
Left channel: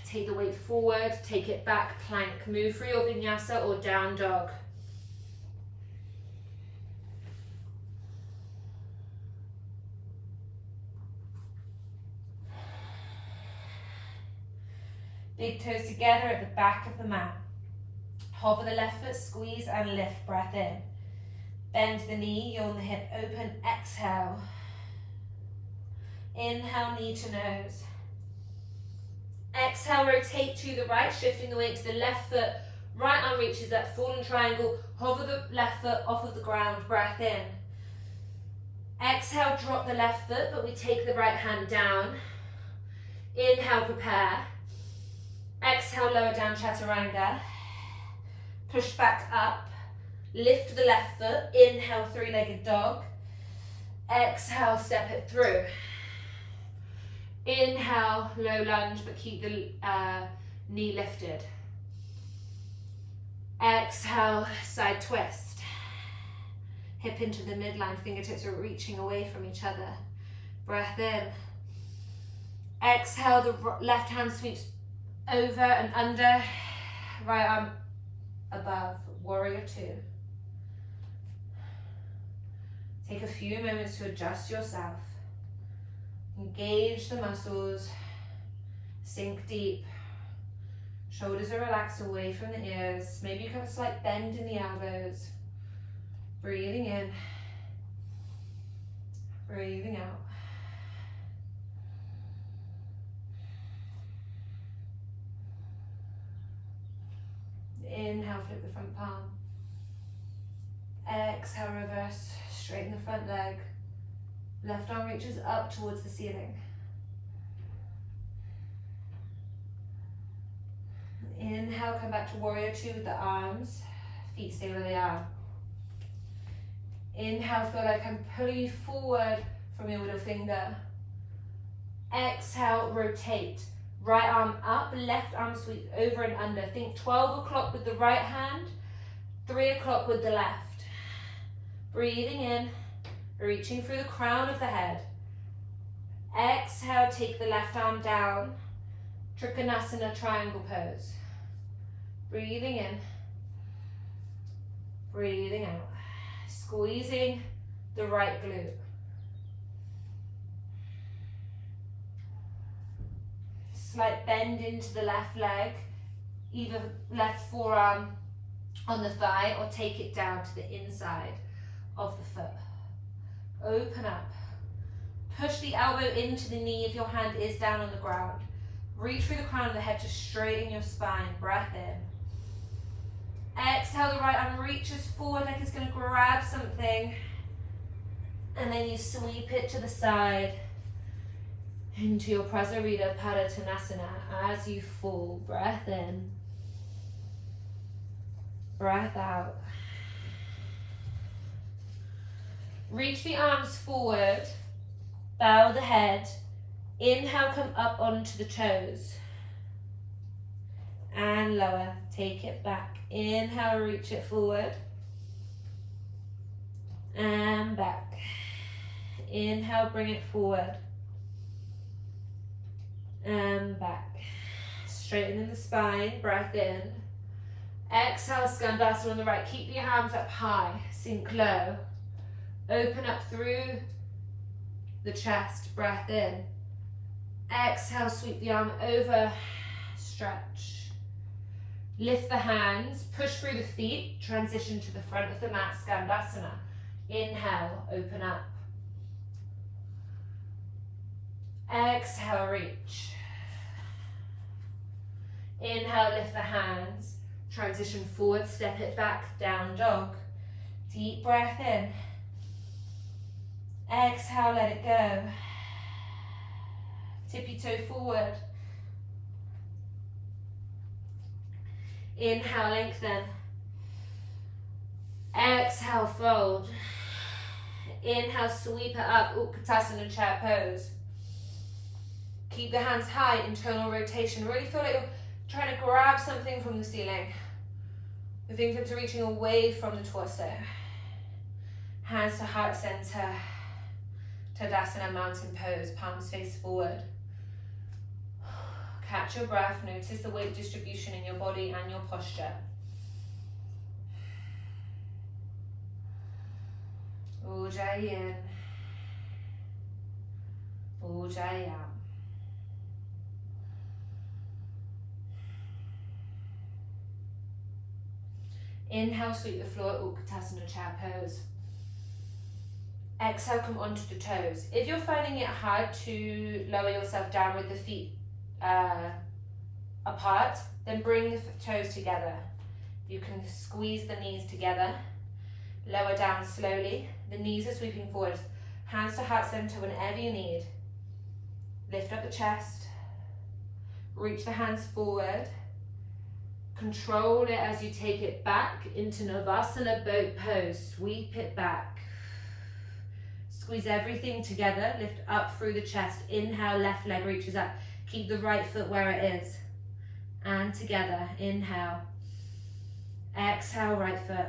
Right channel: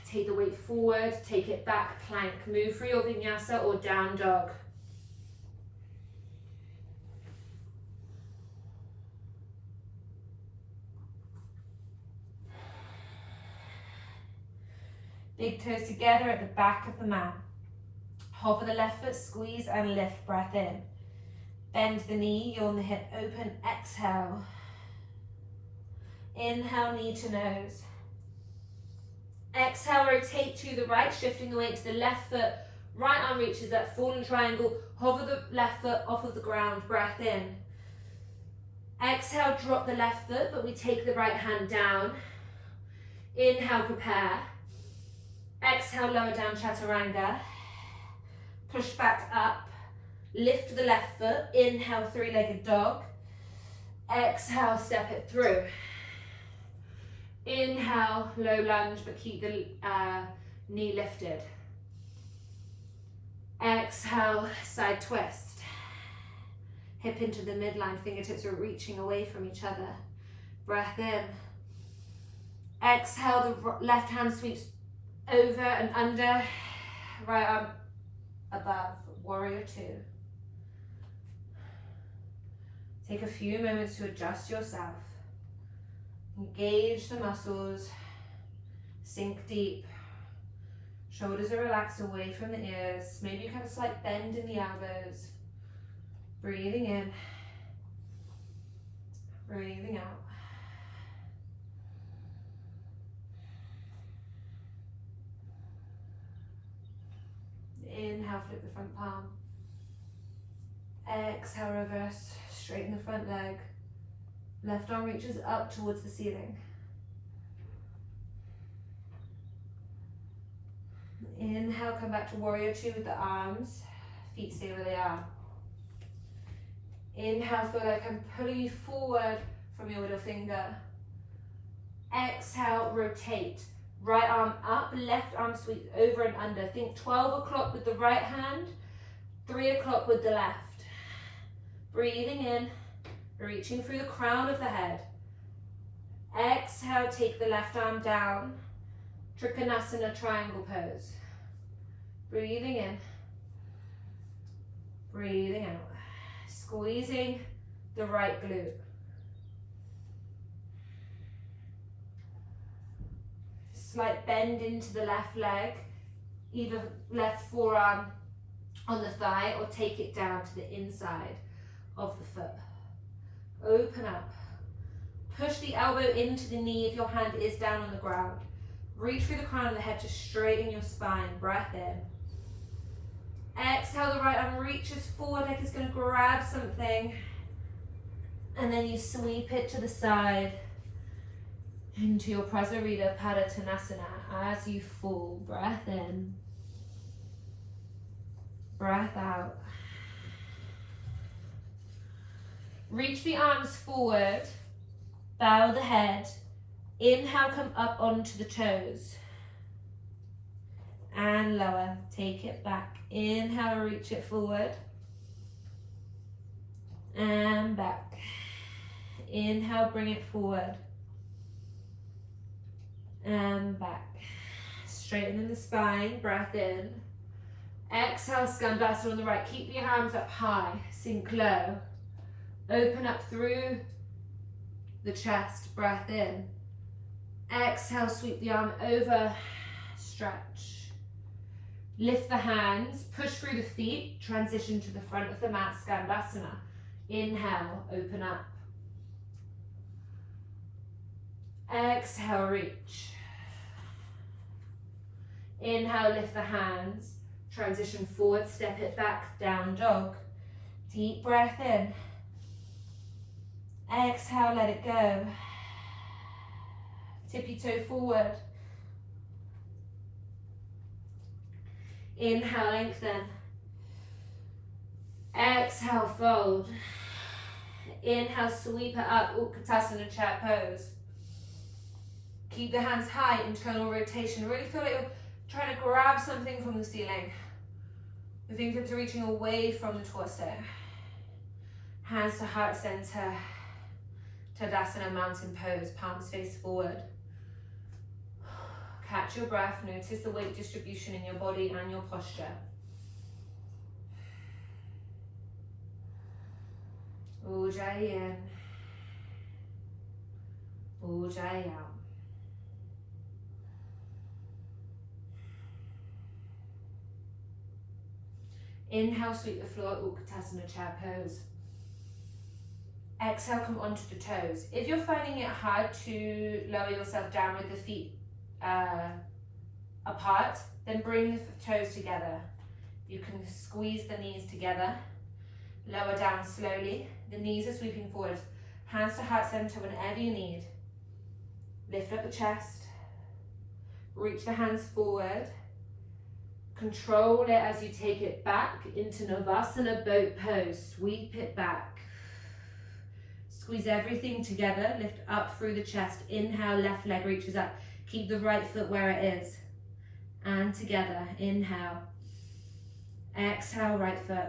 take the weight forward, take it back, plank. Move through your vinyasa or down dog. Big toes together at the back of the mat. Hover the left foot, squeeze and lift, breath in. Bend the knee, yawn the hip, open, exhale. Inhale, knee to nose. Exhale, rotate to the right, shifting the weight to the left foot. Right arm reaches that fallen triangle. Hover the left foot off of the ground, breath in. Exhale, drop the left foot, but we take the right hand down. Inhale, prepare. Exhale, lower down, chaturanga. Push back up. Lift the left foot. Inhale, three-legged dog. Exhale, step it through. Inhale, low lunge, but keep the knee lifted. Exhale, side twist. Hip into the midline, fingertips are reaching away from each other. Breath in. Exhale, the left hand sweeps over and under, right arm above, warrior two. Take a few moments to adjust yourself. Engage the muscles, sink deep. Shoulders are relaxed away from the ears. Maybe you have a slight bend in the elbows. Breathing in, breathing out. Inhale, flip the front palm. Exhale, reverse, straighten the front leg. Left arm reaches up towards the ceiling. Inhale, come back to warrior two with the arms. Feet stay where they are. Inhale, feel like I'm pulling you forward from your middle finger. Exhale, rotate. Right arm up, left arm sweep over and under. Think 12 o'clock with the right hand, 3 o'clock with the left. Breathing in, reaching through the crown of the head. Exhale, take the left arm down. Trikonasana, triangle pose. Breathing in, breathing out. Squeezing the right glute. Slight bend into the left leg, either left forearm on the thigh or take it down to the inside of the foot. Open up. Push the elbow into the knee if your hand is down on the ground. Reach through the crown of the head to straighten your spine. Breath in. Exhale, the right arm reaches forward like it's going to grab something. And then you sweep it to the side into your Prasarita Padottanasana as you fall. Breath in. Breath out. Reach the arms forward. Bow the head. Inhale, come up onto the toes. And lower. Take it back. Inhale, reach it forward. And back. Inhale, bring it forward. And back. Straightening the spine. Breath in. Exhale, Skandasana on the right. Keep your arms up high. Sink low. Open up through the chest. Breath in. Exhale, sweep the arm over. Stretch. Lift the hands. Push through the feet. Transition to the front of the mat. Skandasana. Inhale, open up. Exhale, reach. Inhale, lift the hands. Transition forward, step it back, down dog. Deep breath in. Exhale, let it go. Tippy toe forward. Inhale, lengthen. Exhale, fold. Inhale, sweep it up, Utkatasana chair pose. Keep the hands high, internal rotation. Really feel like you're trying to grab something from the ceiling. The fingertips are reaching away from the torso. Hands to heart center. Tadasana, mountain pose, palms face forward. Catch your breath, notice the weight distribution in your body and your posture. Ujjayi in. Ujjayi out. Inhale, sweep the floor, Utkatasana chair pose. Exhale, come onto the toes. If you're finding it hard to lower yourself down with the feet apart, then bring the toes together. You can squeeze the knees together. Lower down slowly. The knees are sweeping forward. Hands to heart center whenever you need. Lift up the chest. Reach the hands forward. Control it as you take it back into Navasana boat pose. Sweep it back. Squeeze everything together. Lift up through the chest. Inhale, left leg reaches up. Keep the right foot where it is. And together. Inhale. Exhale, right foot.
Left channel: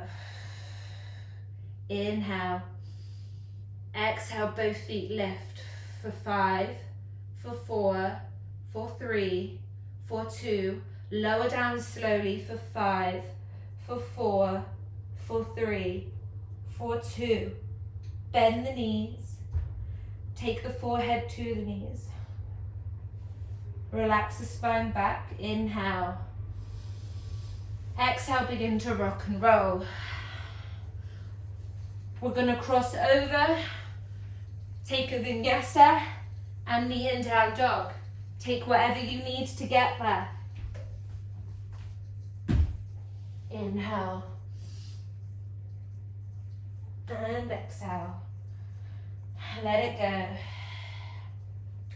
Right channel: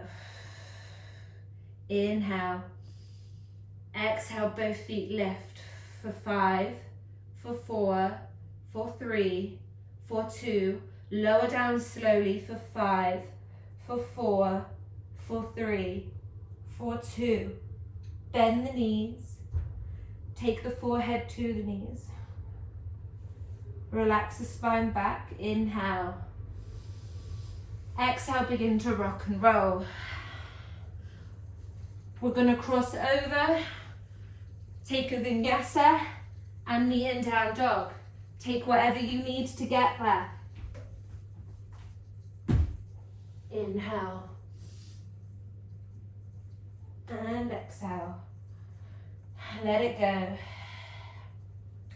Inhale. Exhale, both feet lift. For 5, for 4, for 3, for 2. Lower down slowly for 5, for 4, for 3, for 2. Bend the knees. Take the forehead to the knees. Relax the spine back. Inhale. Exhale, begin to rock and roll. We're going to cross over. Take a vinyasa and knee and down dog. Take whatever you need to get there. Inhale. And exhale. Let it go.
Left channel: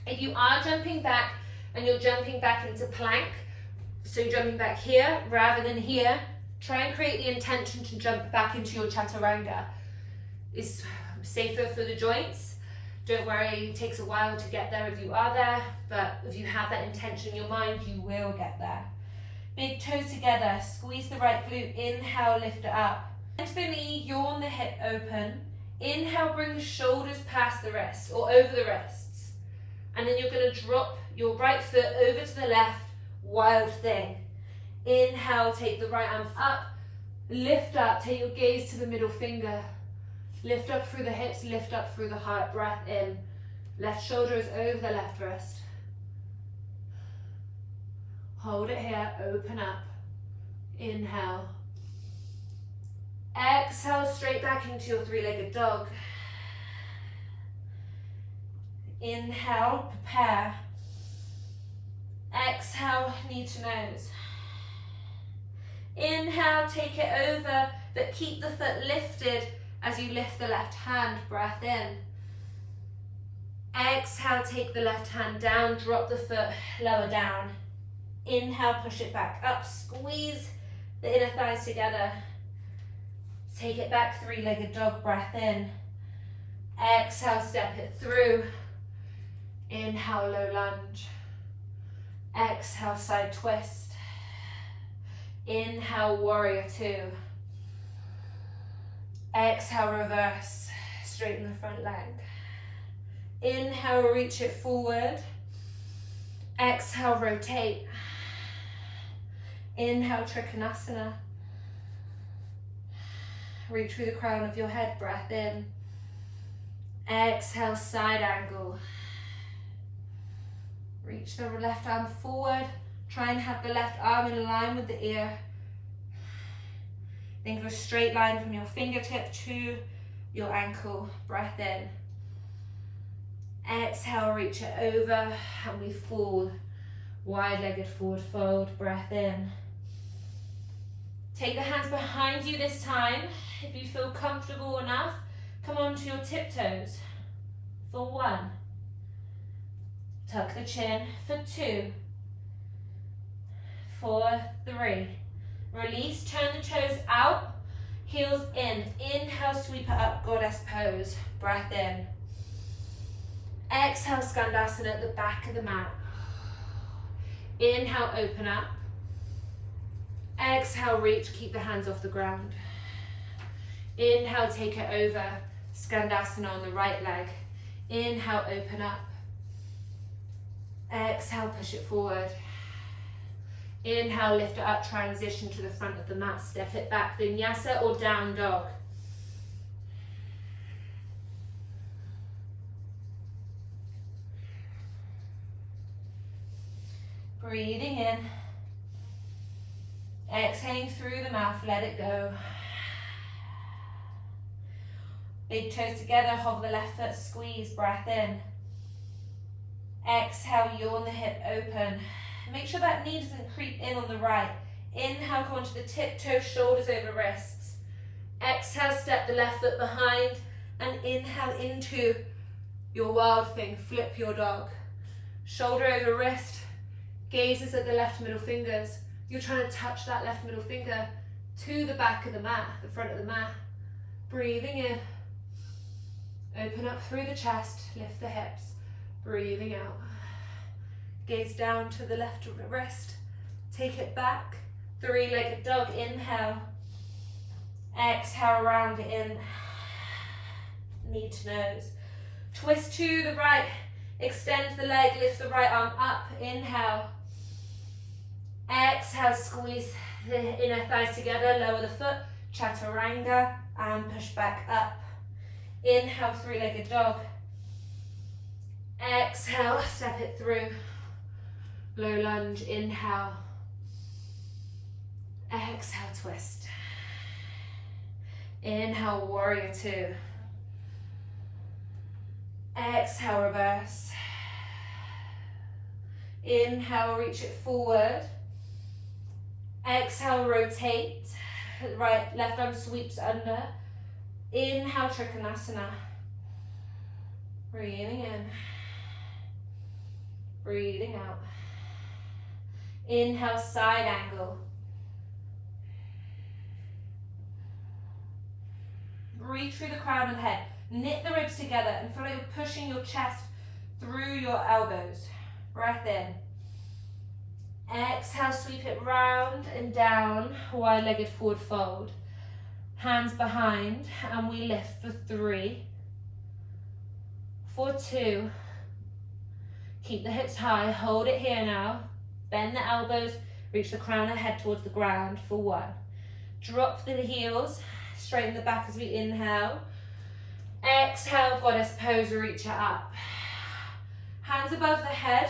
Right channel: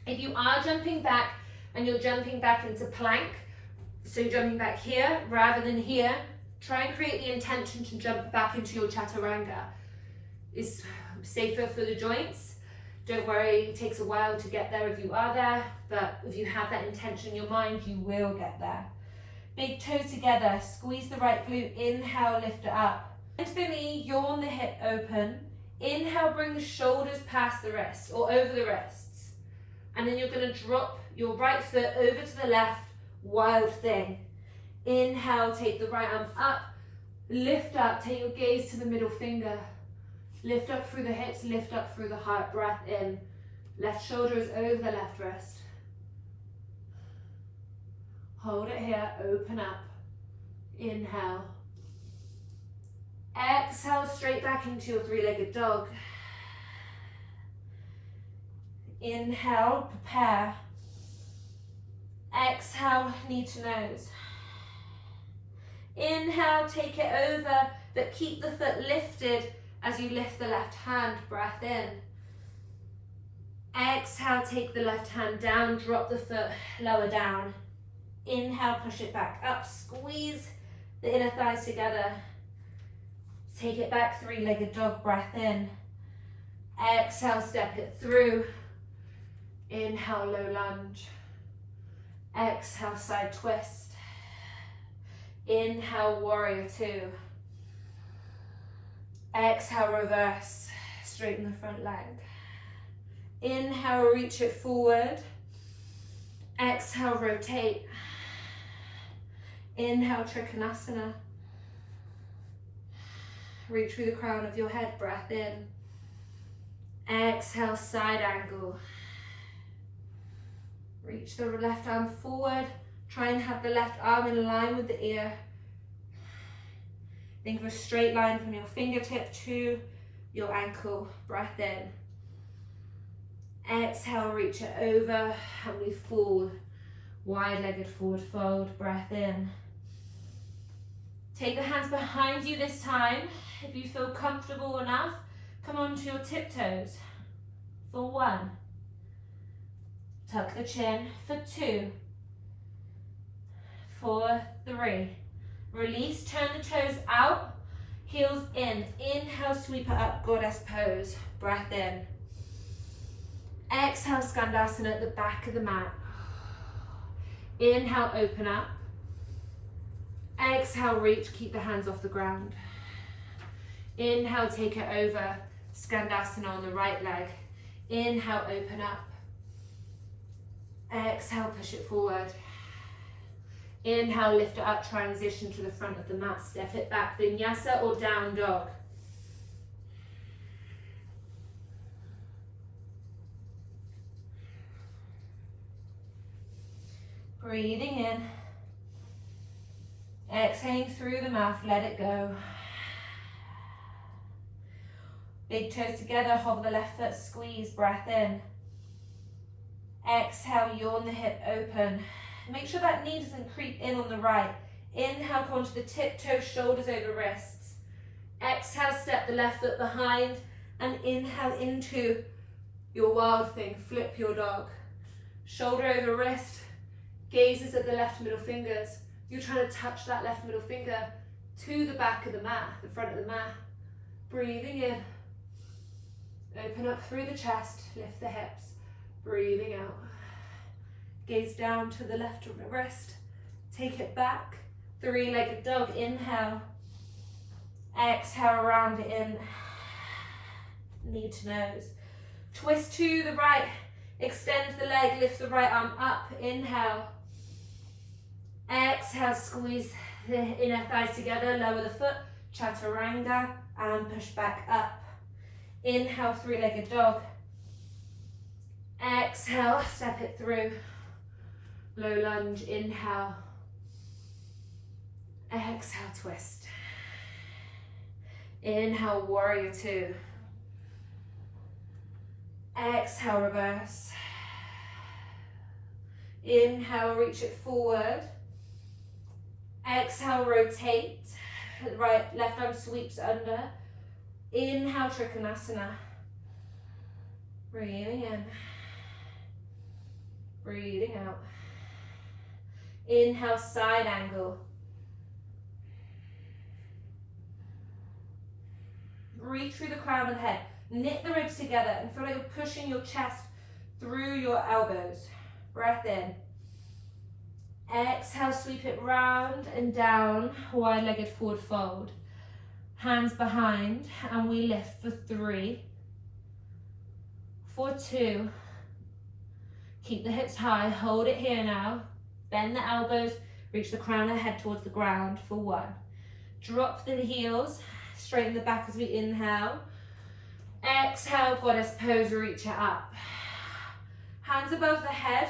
If you are jumping back and you're jumping back into plank, so you're jumping back here rather than here, try and create the intention to jump back into your chaturanga. It's safer for the joints. Don't worry, it takes a while to get there if you are there, but if you have that intention in your mind, you will get there. Big toes together, squeeze the right glute, inhale, lift it up. Into the knee, yawn the hip open. Inhale, bring the shoulders past the wrist or over the wrists. And then you're going to drop your right foot over to the left, wild thing. Inhale, take the right arm up, lift up, take your gaze to the middle finger. Lift up through the hips, lift up through the heart, breath in. Left shoulder is over the left wrist. Hold it here, open up. Inhale. Exhale, straight back into your three-legged dog. Inhale, prepare. Exhale, knee to nose. Inhale, take it over, but keep the foot lifted as you lift the left hand, breath in. Exhale, take the left hand down, drop the foot lower down. Inhale, push it back up, squeeze the inner thighs together. Take it back, three-legged dog, breath in. Exhale, step it through. Inhale, low lunge. Exhale, side twist. Inhale, warrior two. Exhale, reverse, straighten the front leg. Inhale, reach it forward. Exhale, rotate. Inhale, Trikonasana. Reach through the crown of your head, breath in. Exhale, side angle. Reach the left arm forward. Try and have the left arm in line with the ear. Think of a straight line from your fingertip to your ankle, breath in. Exhale, reach it over, and we fall. Wide-legged forward fold, breath in. Take the hands behind you this time. If you feel comfortable enough, come onto your tiptoes for 1. Tuck the chin for 2. For 3. Release, turn the toes out, heels in. Inhale, sweep it up, goddess pose. Breath in. Exhale, Skandasana at the back of the mat. Inhale, open up. Exhale, reach, keep the hands off the ground. Inhale, take it over, Skandasana on the right leg. Inhale, open up. Exhale, push it forward. Inhale, lift it up, transition to the front of the mat, step it back, Vinyasa or down dog. Breathing in. Exhaling through the mouth, let it go. Big toes together, hover the left foot, squeeze, breath in. Exhale, yawn the hip open. Make sure that knee doesn't creep in on the right. Inhale, come onto the tiptoe, shoulders over wrists. Exhale, step the left foot behind and inhale into your wild thing, flip your dog. Shoulder over wrist, gazes at the left middle fingers. You're trying to touch that left middle finger to the back of the mat, the front of the mat. Breathing in. Open up through the chest, lift the hips. Breathing out. Gaze down to the left wrist. Take it back. Three-legged dog, inhale. Exhale, round it in. Knee to nose. Twist to the right. Extend the leg, lift the right arm up. Inhale. Exhale, squeeze the inner thighs together, lower the foot, chaturanga, and push back up. Inhale, three-legged dog. Exhale, step it through. Low lunge, inhale. Exhale, twist. Inhale, warrior two. Exhale, reverse. Inhale, reach it forward. Exhale, rotate. Right, left arm sweeps under. Inhale, Trikonasana. Breathing in. Breathing out. Inhale, side angle. Reach through the crown of the head. Knit the ribs together and feel like you're pushing your chest through your elbows. Breath in. Exhale, sweep it round and down, wide-legged forward fold. Hands behind, and we lift for 3, for 2. Keep the hips high, hold it here now. Bend the elbows, reach the crown of the head towards the ground for 1. Drop the heels, straighten the back as we inhale. Exhale, goddess pose, reach it up. Hands above the head.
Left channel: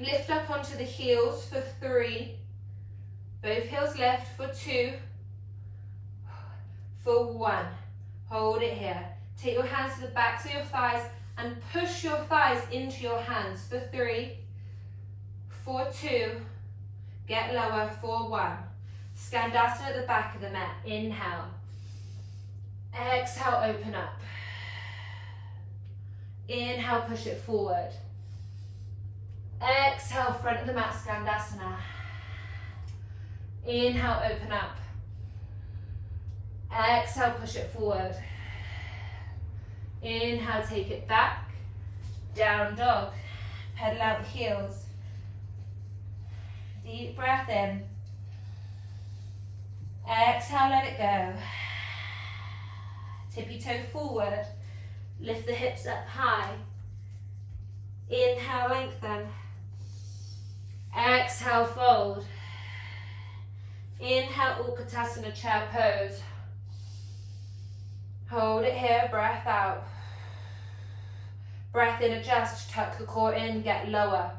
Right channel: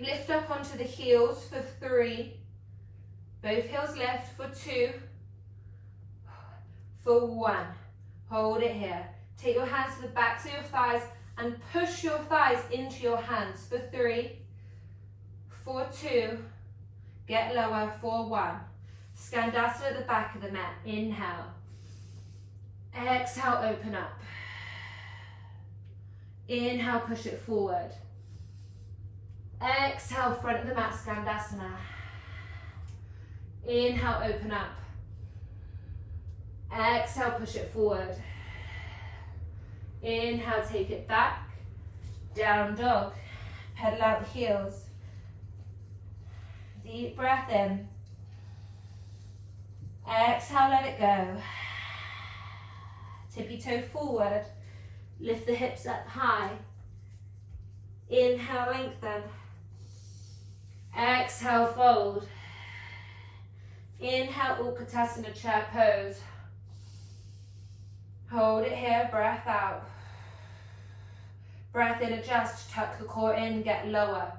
Lift up onto the heels for 3. Both heels lift for 2. For 1. Hold it here. Take your hands to the backs of your thighs and push your thighs into your hands for 3. For 2. Get lower for 1. Skandasana at the back of the mat. Inhale. Exhale, open up. Inhale, push it forward. Exhale, front of the mat, Skandasana. Inhale, open up. Exhale, push it forward. Inhale, take it back. Down dog. Pedal out the heels. Deep breath in. Exhale, let it go. Tippy toe forward. Lift the hips up high. Inhale, lengthen. Exhale, fold. Inhale, Utkatasana chair pose. Hold it here, breath out. Breath in, adjust, tuck the core in, get lower.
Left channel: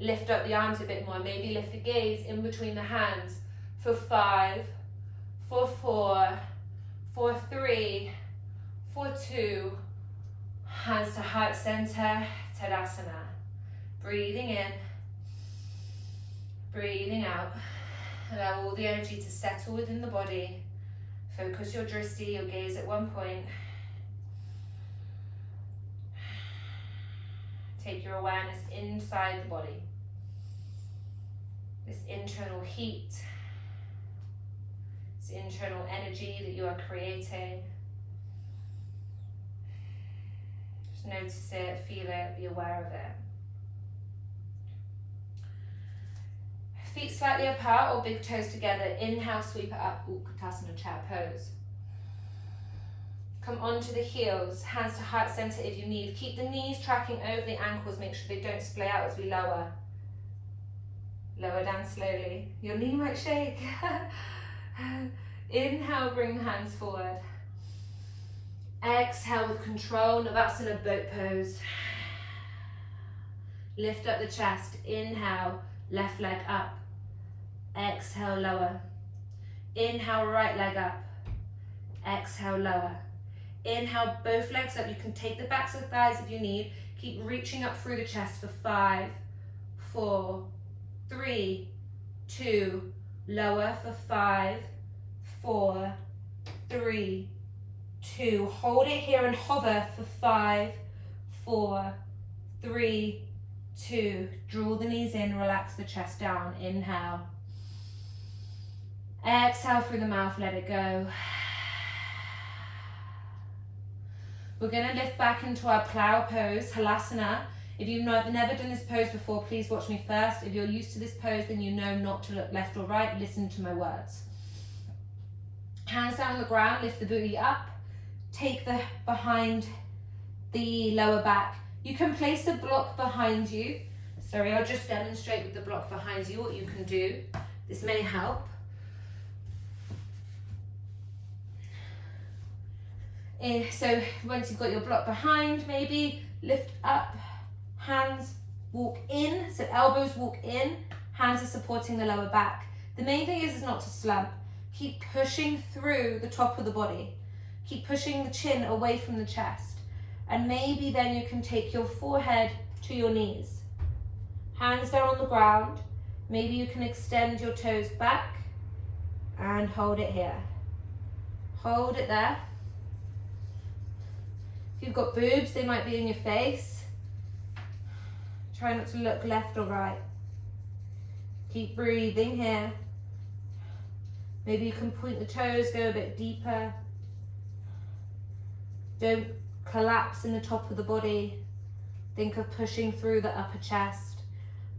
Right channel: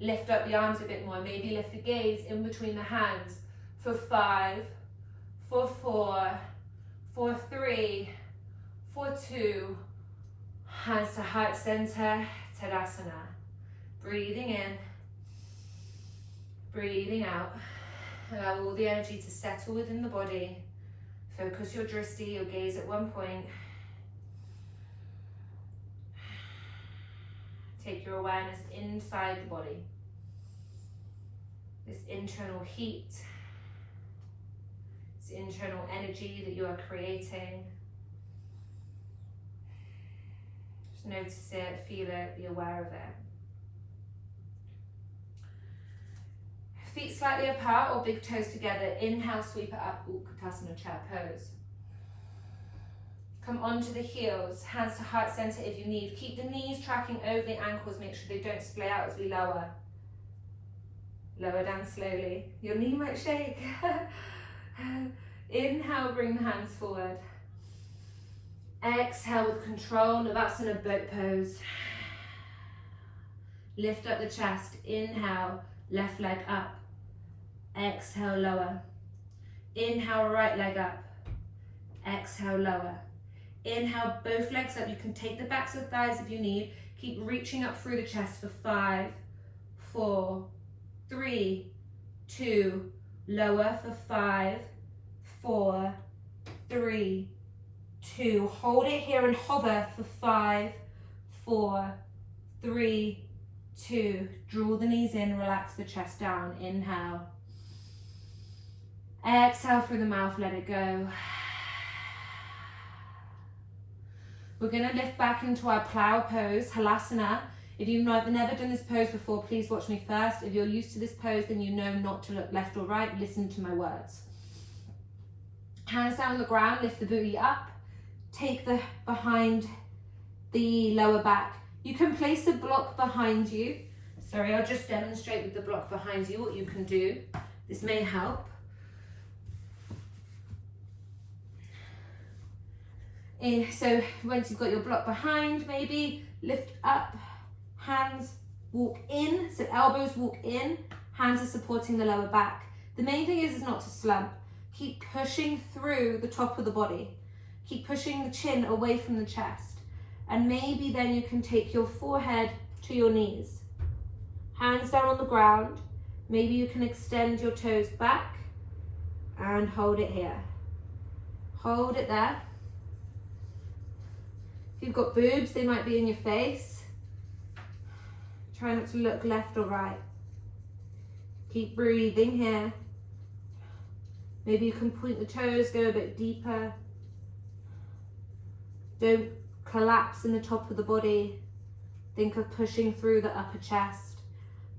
Lift up the arms a bit more, maybe lift the gaze in between the hands for 5, for 4, for 3, for 2. Hands to heart center, Tadasana. Breathing in, breathing out. Allow all the energy to settle within the body. Focus your drishti, your gaze at one point. Take your awareness inside the body. This internal heat, this internal energy that you are creating. Just notice it, feel it, be aware of it. Feet slightly apart or big toes together. Inhale, sweep it up, Utkatasana chair pose. Come onto the heels, hands to heart center if you need. Keep the knees tracking over the ankles, make sure they don't splay out as we lower. Lower down slowly. Your knee might shake. Inhale, bring the hands forward. Exhale with control, Navasana boat pose. Lift up the chest, inhale, left leg up. Exhale, lower. Inhale, right leg up. Exhale, lower. Inhale, both legs up. You can take the backs of the thighs if you need. Keep reaching up through the chest for 5, 4, 3, 2. Lower for 5, 4, 3, 2. Hold it here and hover for 5, 4, 3, 2. Draw the knees in, relax the chest down. Inhale. Exhale through the mouth, let it go. We're going to lift back into our plow pose, Halasana. If you've never done this pose before, please watch me first. If you're used to this pose, then you know not to look left or right. Listen to my words. Hands down on the ground, lift the booty up. Take the behind the lower back. You can place a block behind you. Sorry, I'll just demonstrate with the block behind you what you can do. This may help. So once you've got your block behind, maybe lift up, hands walk in, so elbows walk in, hands are supporting the lower back. The main thing is not to slump. Keep pushing through the top of the body. Keep pushing the chin away from the chest. And maybe then you can take your forehead to your knees. Hands down on the ground. Maybe you can extend your toes back and hold it here. Hold it there. If you've got boobs, they might be in your face. Try not to look left or right. Keep breathing here. Maybe you can point the toes, go a bit deeper. Don't collapse in the top of the body. Think of pushing through the upper chest,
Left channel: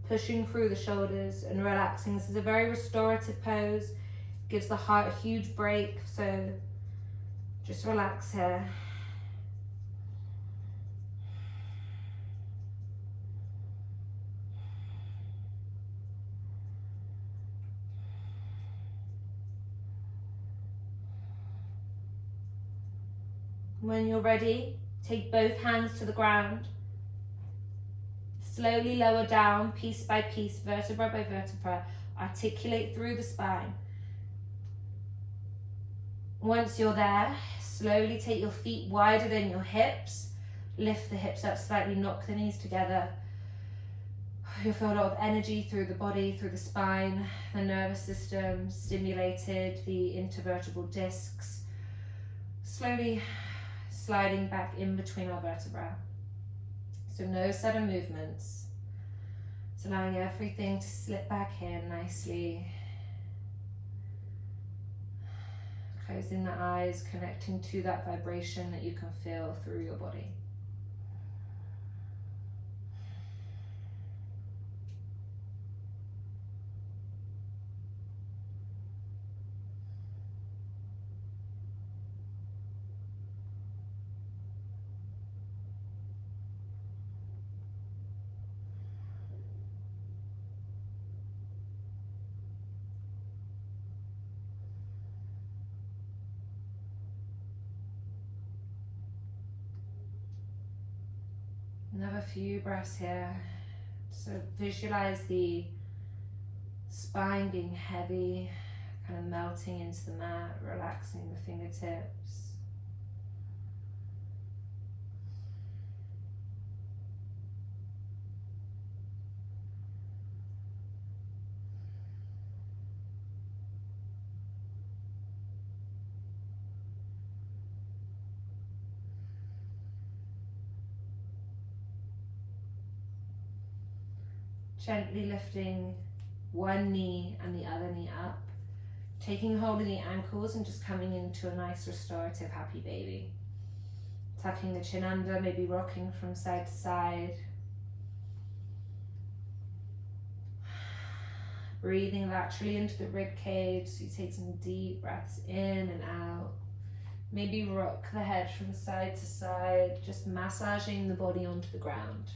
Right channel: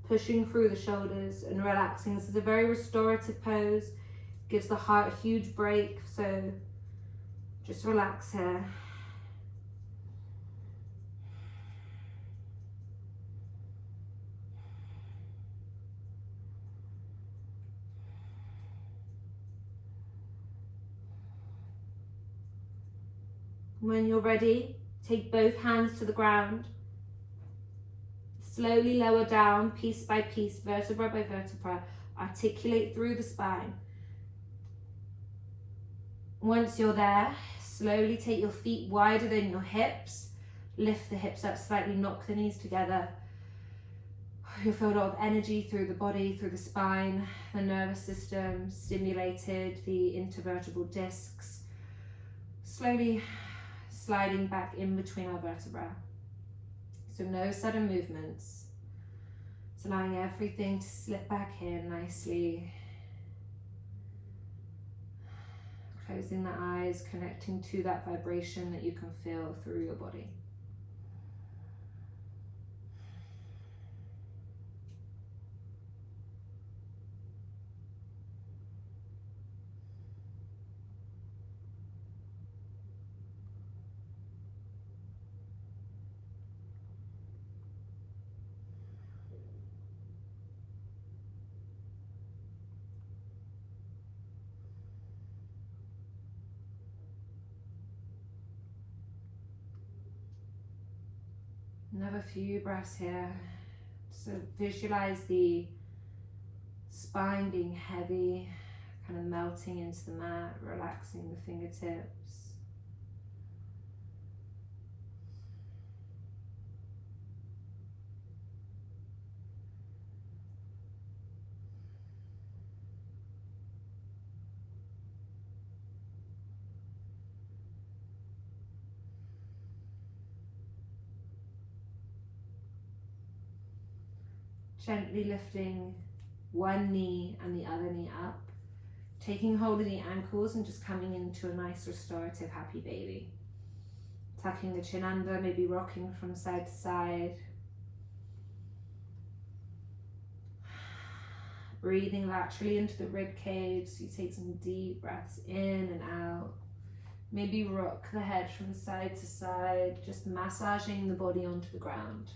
pushing through the shoulders and relaxing. This is a very restorative pose. Gives the heart a huge break, so just relax here. When you're ready, take both hands to the ground. Slowly lower down, piece by piece, vertebra by vertebra. Articulate through the spine. Once you're there, slowly take your feet wider than your hips. Lift the hips up slightly, knock the knees together. You'll feel a lot of energy through the body, through the spine, the nervous system, stimulated, the intervertebral discs. Slowly sliding back in between our vertebrae. So no sudden movements. It's allowing everything to slip back in nicely. Closing the eyes, connecting to that vibration that you can feel through your body. Another few breaths here. So visualize the spine being heavy, kind of melting into the mat, relaxing the fingertips. Gently lifting one knee and the other knee up, taking hold of the ankles and just coming into a nice restorative happy baby. Tucking the chin under, maybe rocking from side to side. Breathing laterally into the rib cage, so you take some deep breaths in and out. Maybe rock the head from side to side, just massaging the body onto the ground.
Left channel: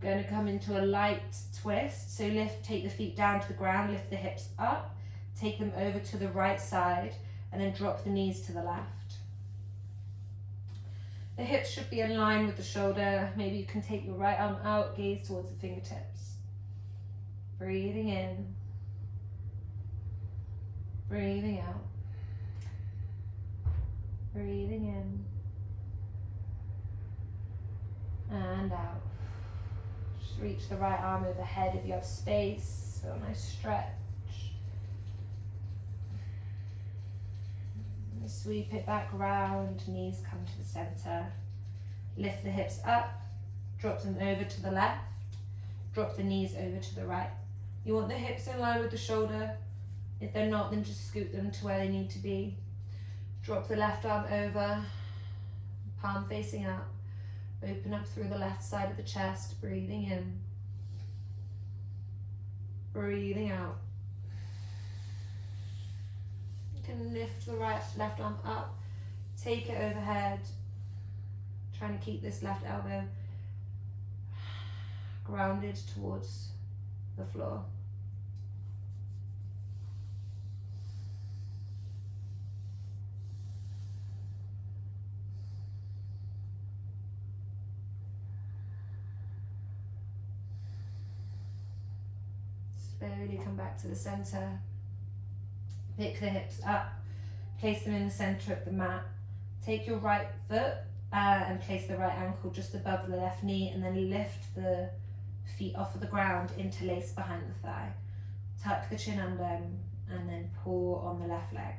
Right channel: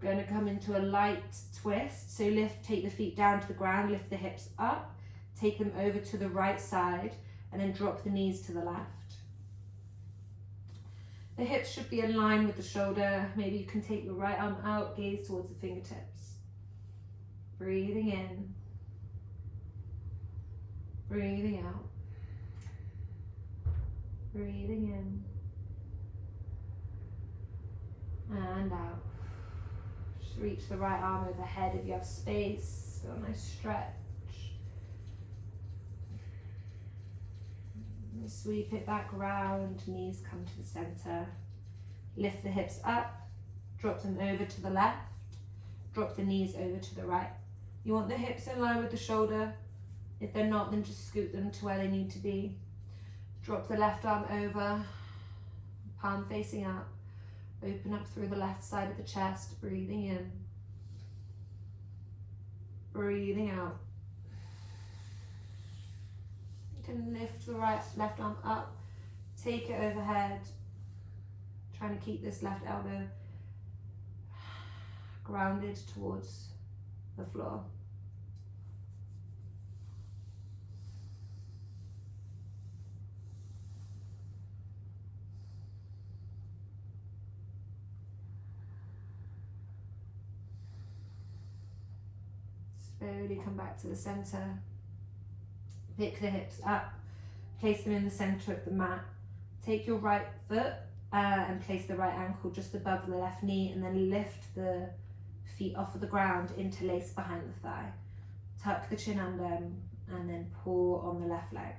We're going to come into a light twist. So take the feet down to the ground, lift the hips up, take them over to the right side, and then drop the knees to the left. The hips should be in line with the shoulder. Maybe you can take your right arm out, gaze towards the fingertips. Breathing in, breathing out, breathing in, and out. Reach the right arm overhead if you have space, so a nice stretch. And sweep it back round, knees come to the center. Lift the hips up, drop them over to the left, drop the knees over to the right. You want the hips in line with the shoulder. If they're not, then just scoot them to where they need to be. Drop the left arm over, palm facing up. Open up through the left side of the chest, breathing in, breathing out. You can lift the left arm up, take it overhead, trying to keep this left elbow grounded towards the floor. Slowly come back to the center. Pick the hips up, place them in the center of the mat. Take your right foot and place the right ankle just above the left knee, and then lift the feet off of the ground, interlace behind the thigh. Tuck the chin under and then pull on the left leg.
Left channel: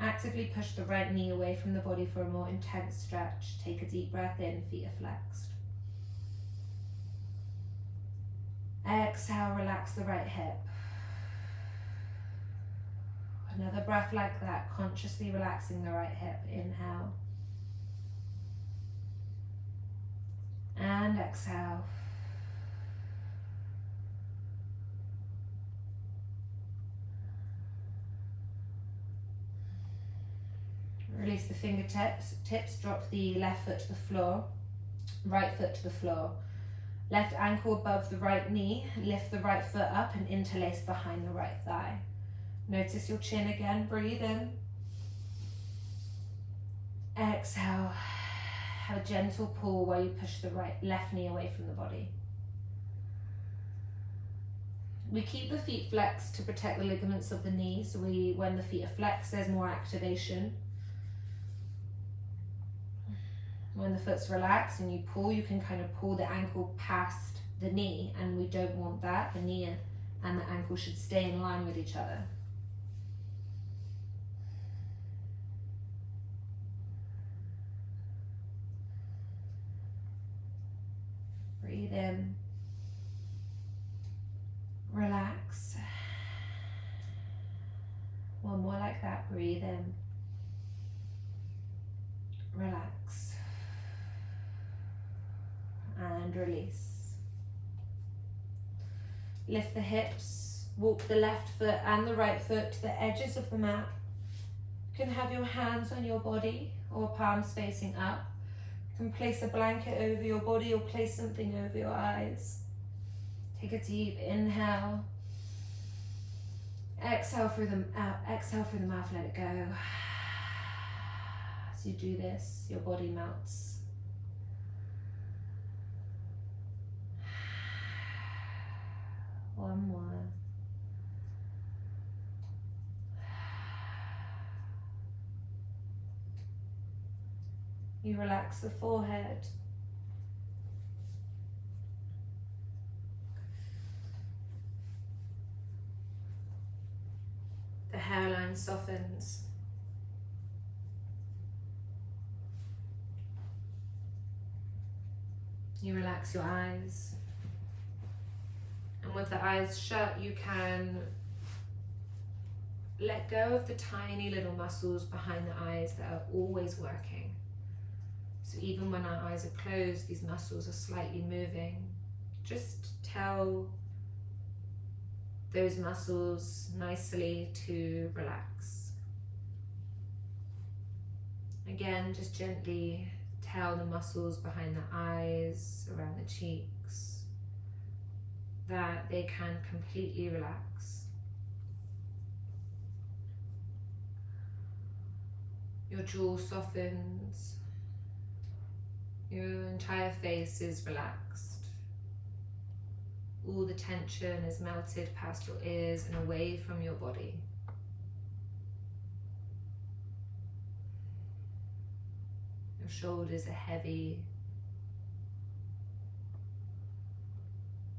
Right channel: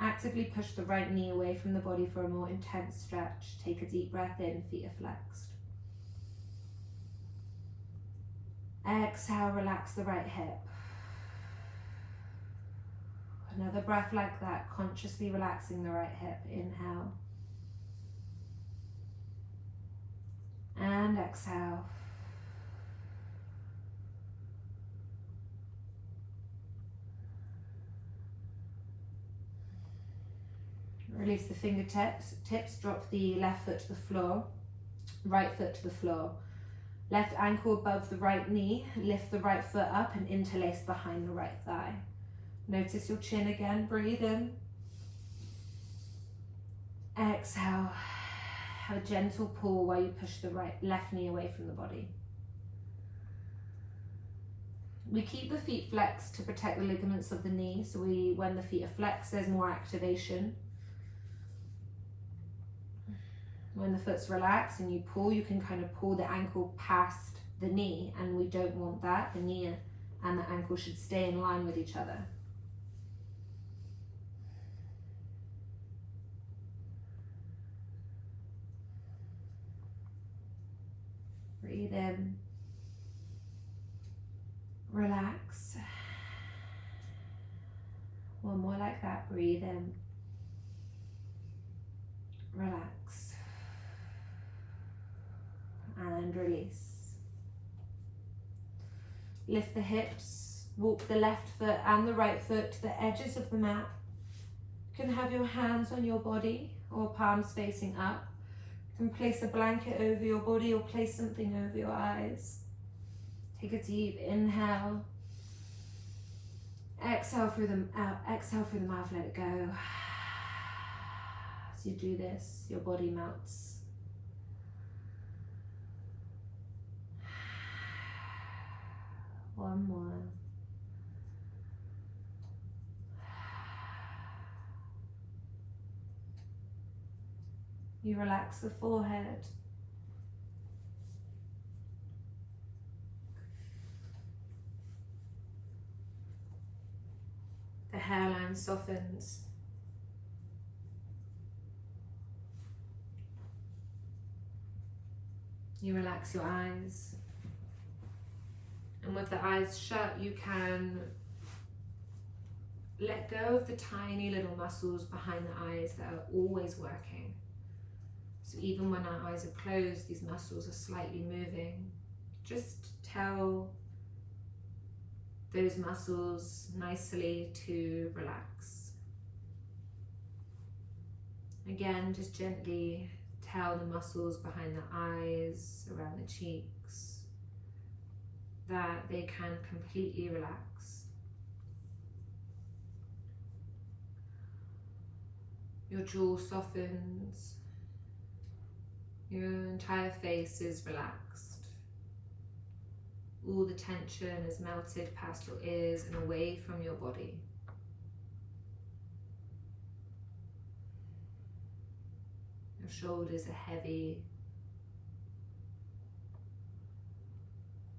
Actively push the right knee away from the body for a more intense stretch. Take a deep breath in, feet are flexed. Exhale, relax the right hip. Another breath like that, consciously relaxing the right hip. Inhale. And exhale. Release the fingertips. Drop the left foot to the floor. Right foot to the floor. Left ankle above the right knee. Lift the right foot up and interlace behind the right thigh. Notice your chin again. Breathe in. Exhale. Have a gentle pull while you push the left knee away from the body. We keep the feet flexed to protect the ligaments of the knee. So when the feet are flexed, there's more activation. When the foot's relaxed and you pull, you can kind of pull the ankle past the knee, and we don't want that. The knee and the ankle should stay in line with each other. Breathe in. Relax. One more like that. Breathe in. Relax. And release. Lift the hips. Walk the left foot and the right foot to the edges of the mat. You can have your hands on your body or palms facing up. You can place a blanket over your body or place something over your eyes. Take a deep inhale. Exhale through the mouth, let it go. As you do this, your body melts. One more. You relax the forehead. The hairline softens. You relax your eyes. And with the eyes shut, you can let go of the tiny little muscles behind the eyes that are always working. So even when our eyes are closed, these muscles are slightly moving. Just tell those muscles nicely to relax. Again, just gently tell the muscles behind the eyes, around the cheeks, that they can completely relax. Your jaw softens. Your entire face is relaxed. All the tension is melted past your ears and away from your body. Your shoulders are heavy.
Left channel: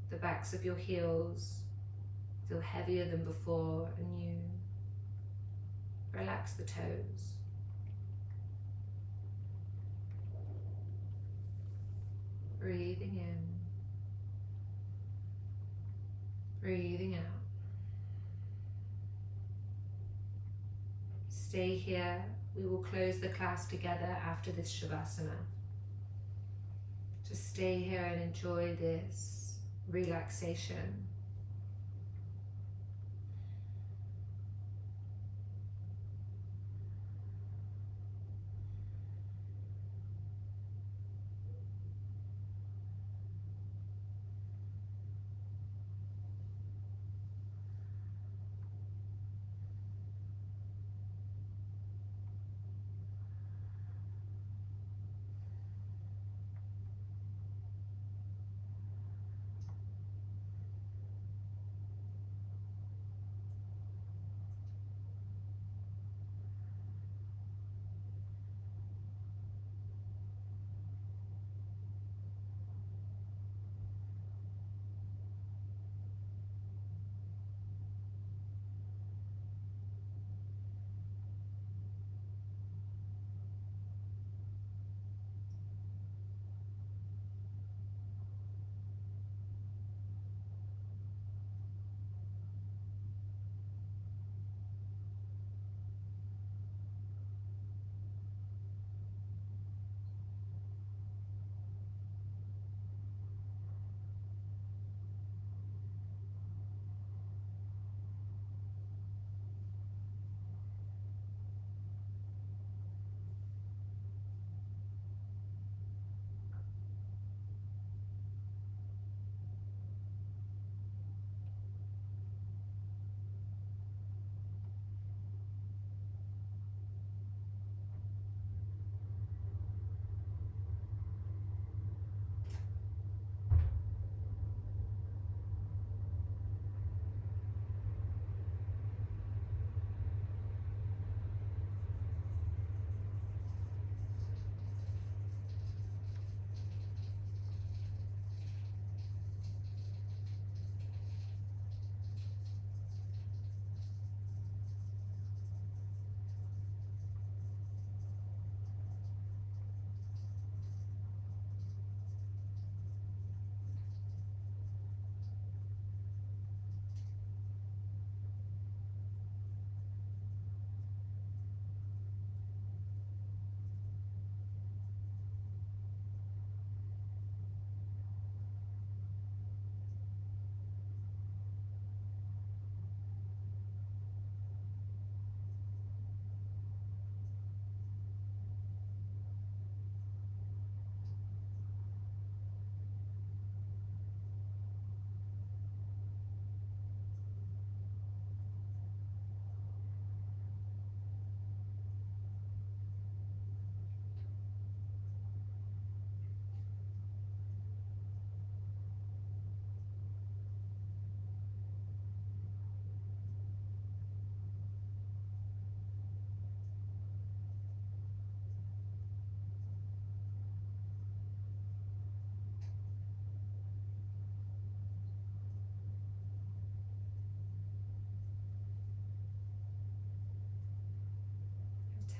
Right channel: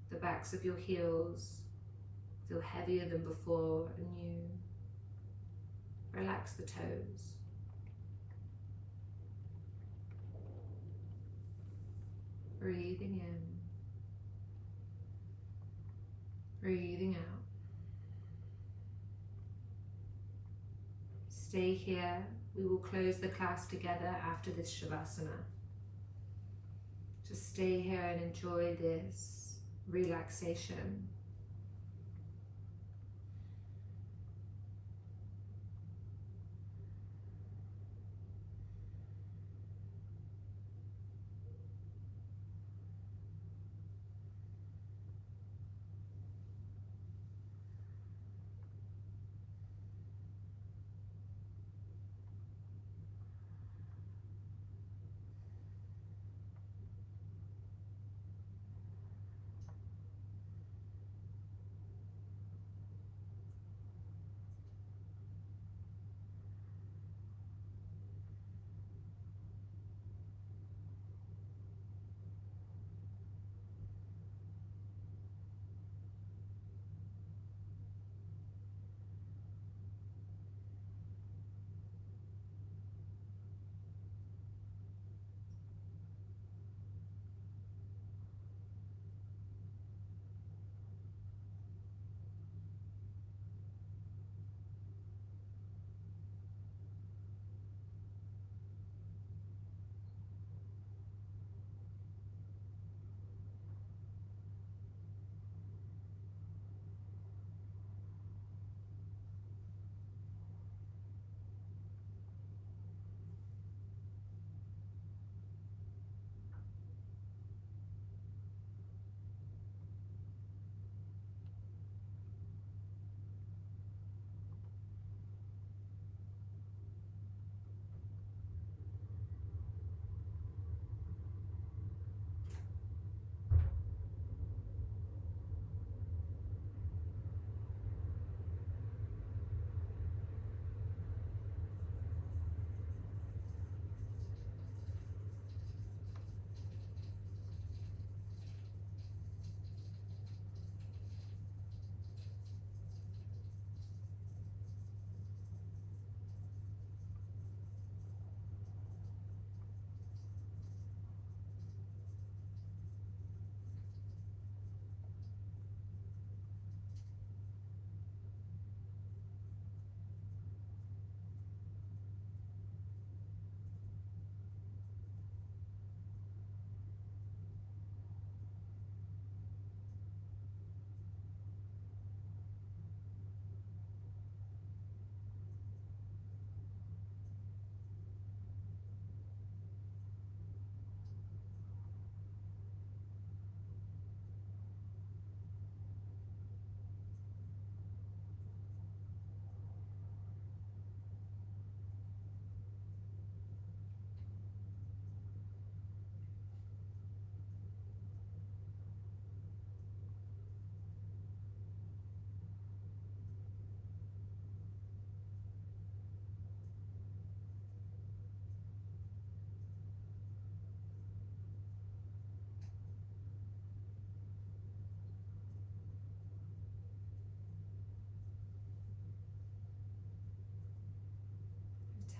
The backs of your heels feel heavier than before, and you relax the toes. Breathing in, breathing out. Stay here. We will close the class together after this Shavasana. Just stay here and enjoy this relaxation.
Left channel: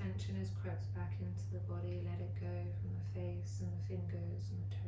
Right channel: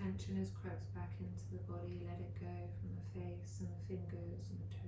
tension has crept back into the body, let it go from the face and the fingers and the toes.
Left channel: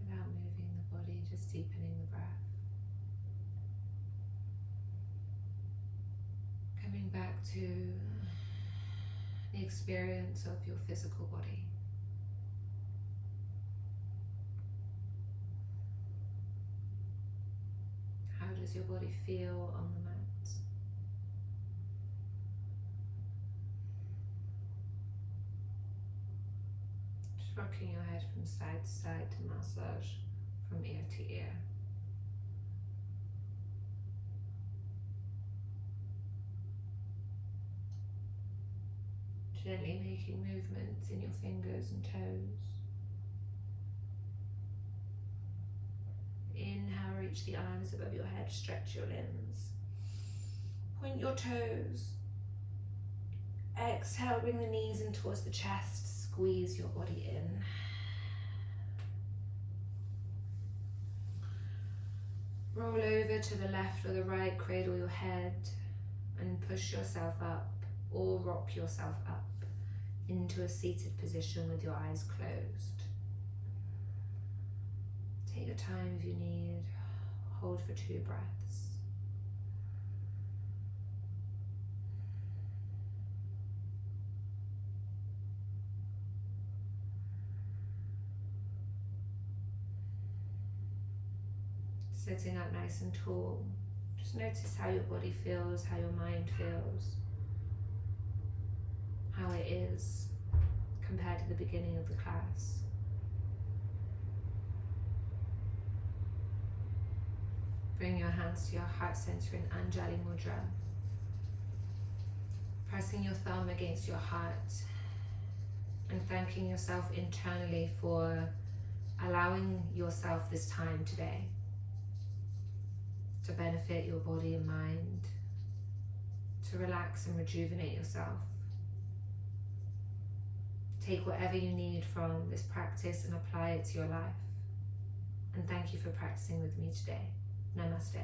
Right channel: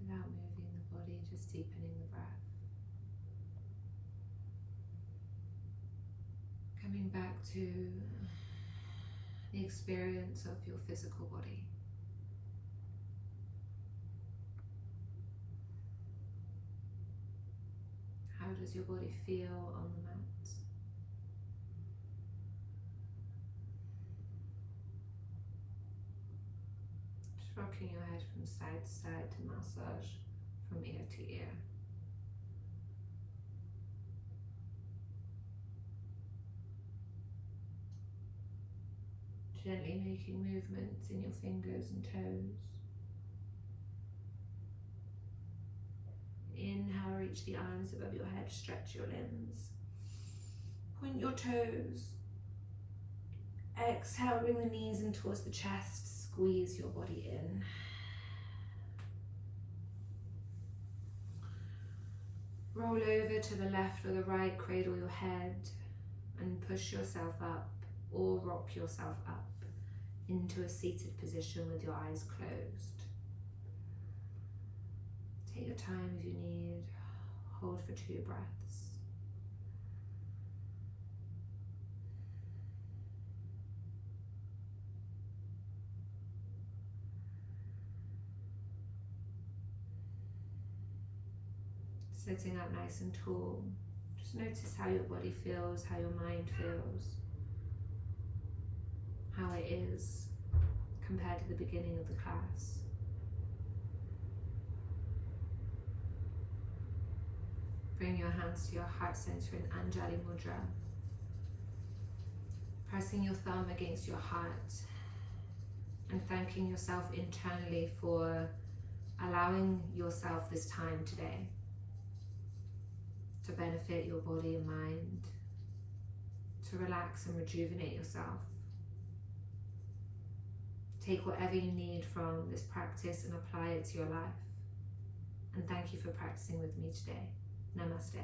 Without moving the body, just deepening the breath. Coming back to the experience of your physical body. How does your body feel on the mat? Just rocking your head from side to side to massage from ear to ear. Gently making movements in your fingers and toes. Inhale, reach the arms above your head, stretch your limbs. Point your toes. Exhale, bring the knees in towards the chest, squeeze your body in. Roll over to the left or the right, cradle your head and push yourself up or rock yourself up into a seated position with your eyes closed. Take your time if you need. Hold for 2 breaths. Sitting up nice and tall. Just notice how your body feels, how your mind feels, how it is compared to the beginning of the class. Bring your hands to your heart center in Anjali Mudra. Pressing your thumb against your heart and thanking yourself internally for allowing yourself this time today to benefit your body and mind, to relax and rejuvenate yourself. Take whatever you need from this practice and apply it to your life. And thank you for practicing with me today. Namaste.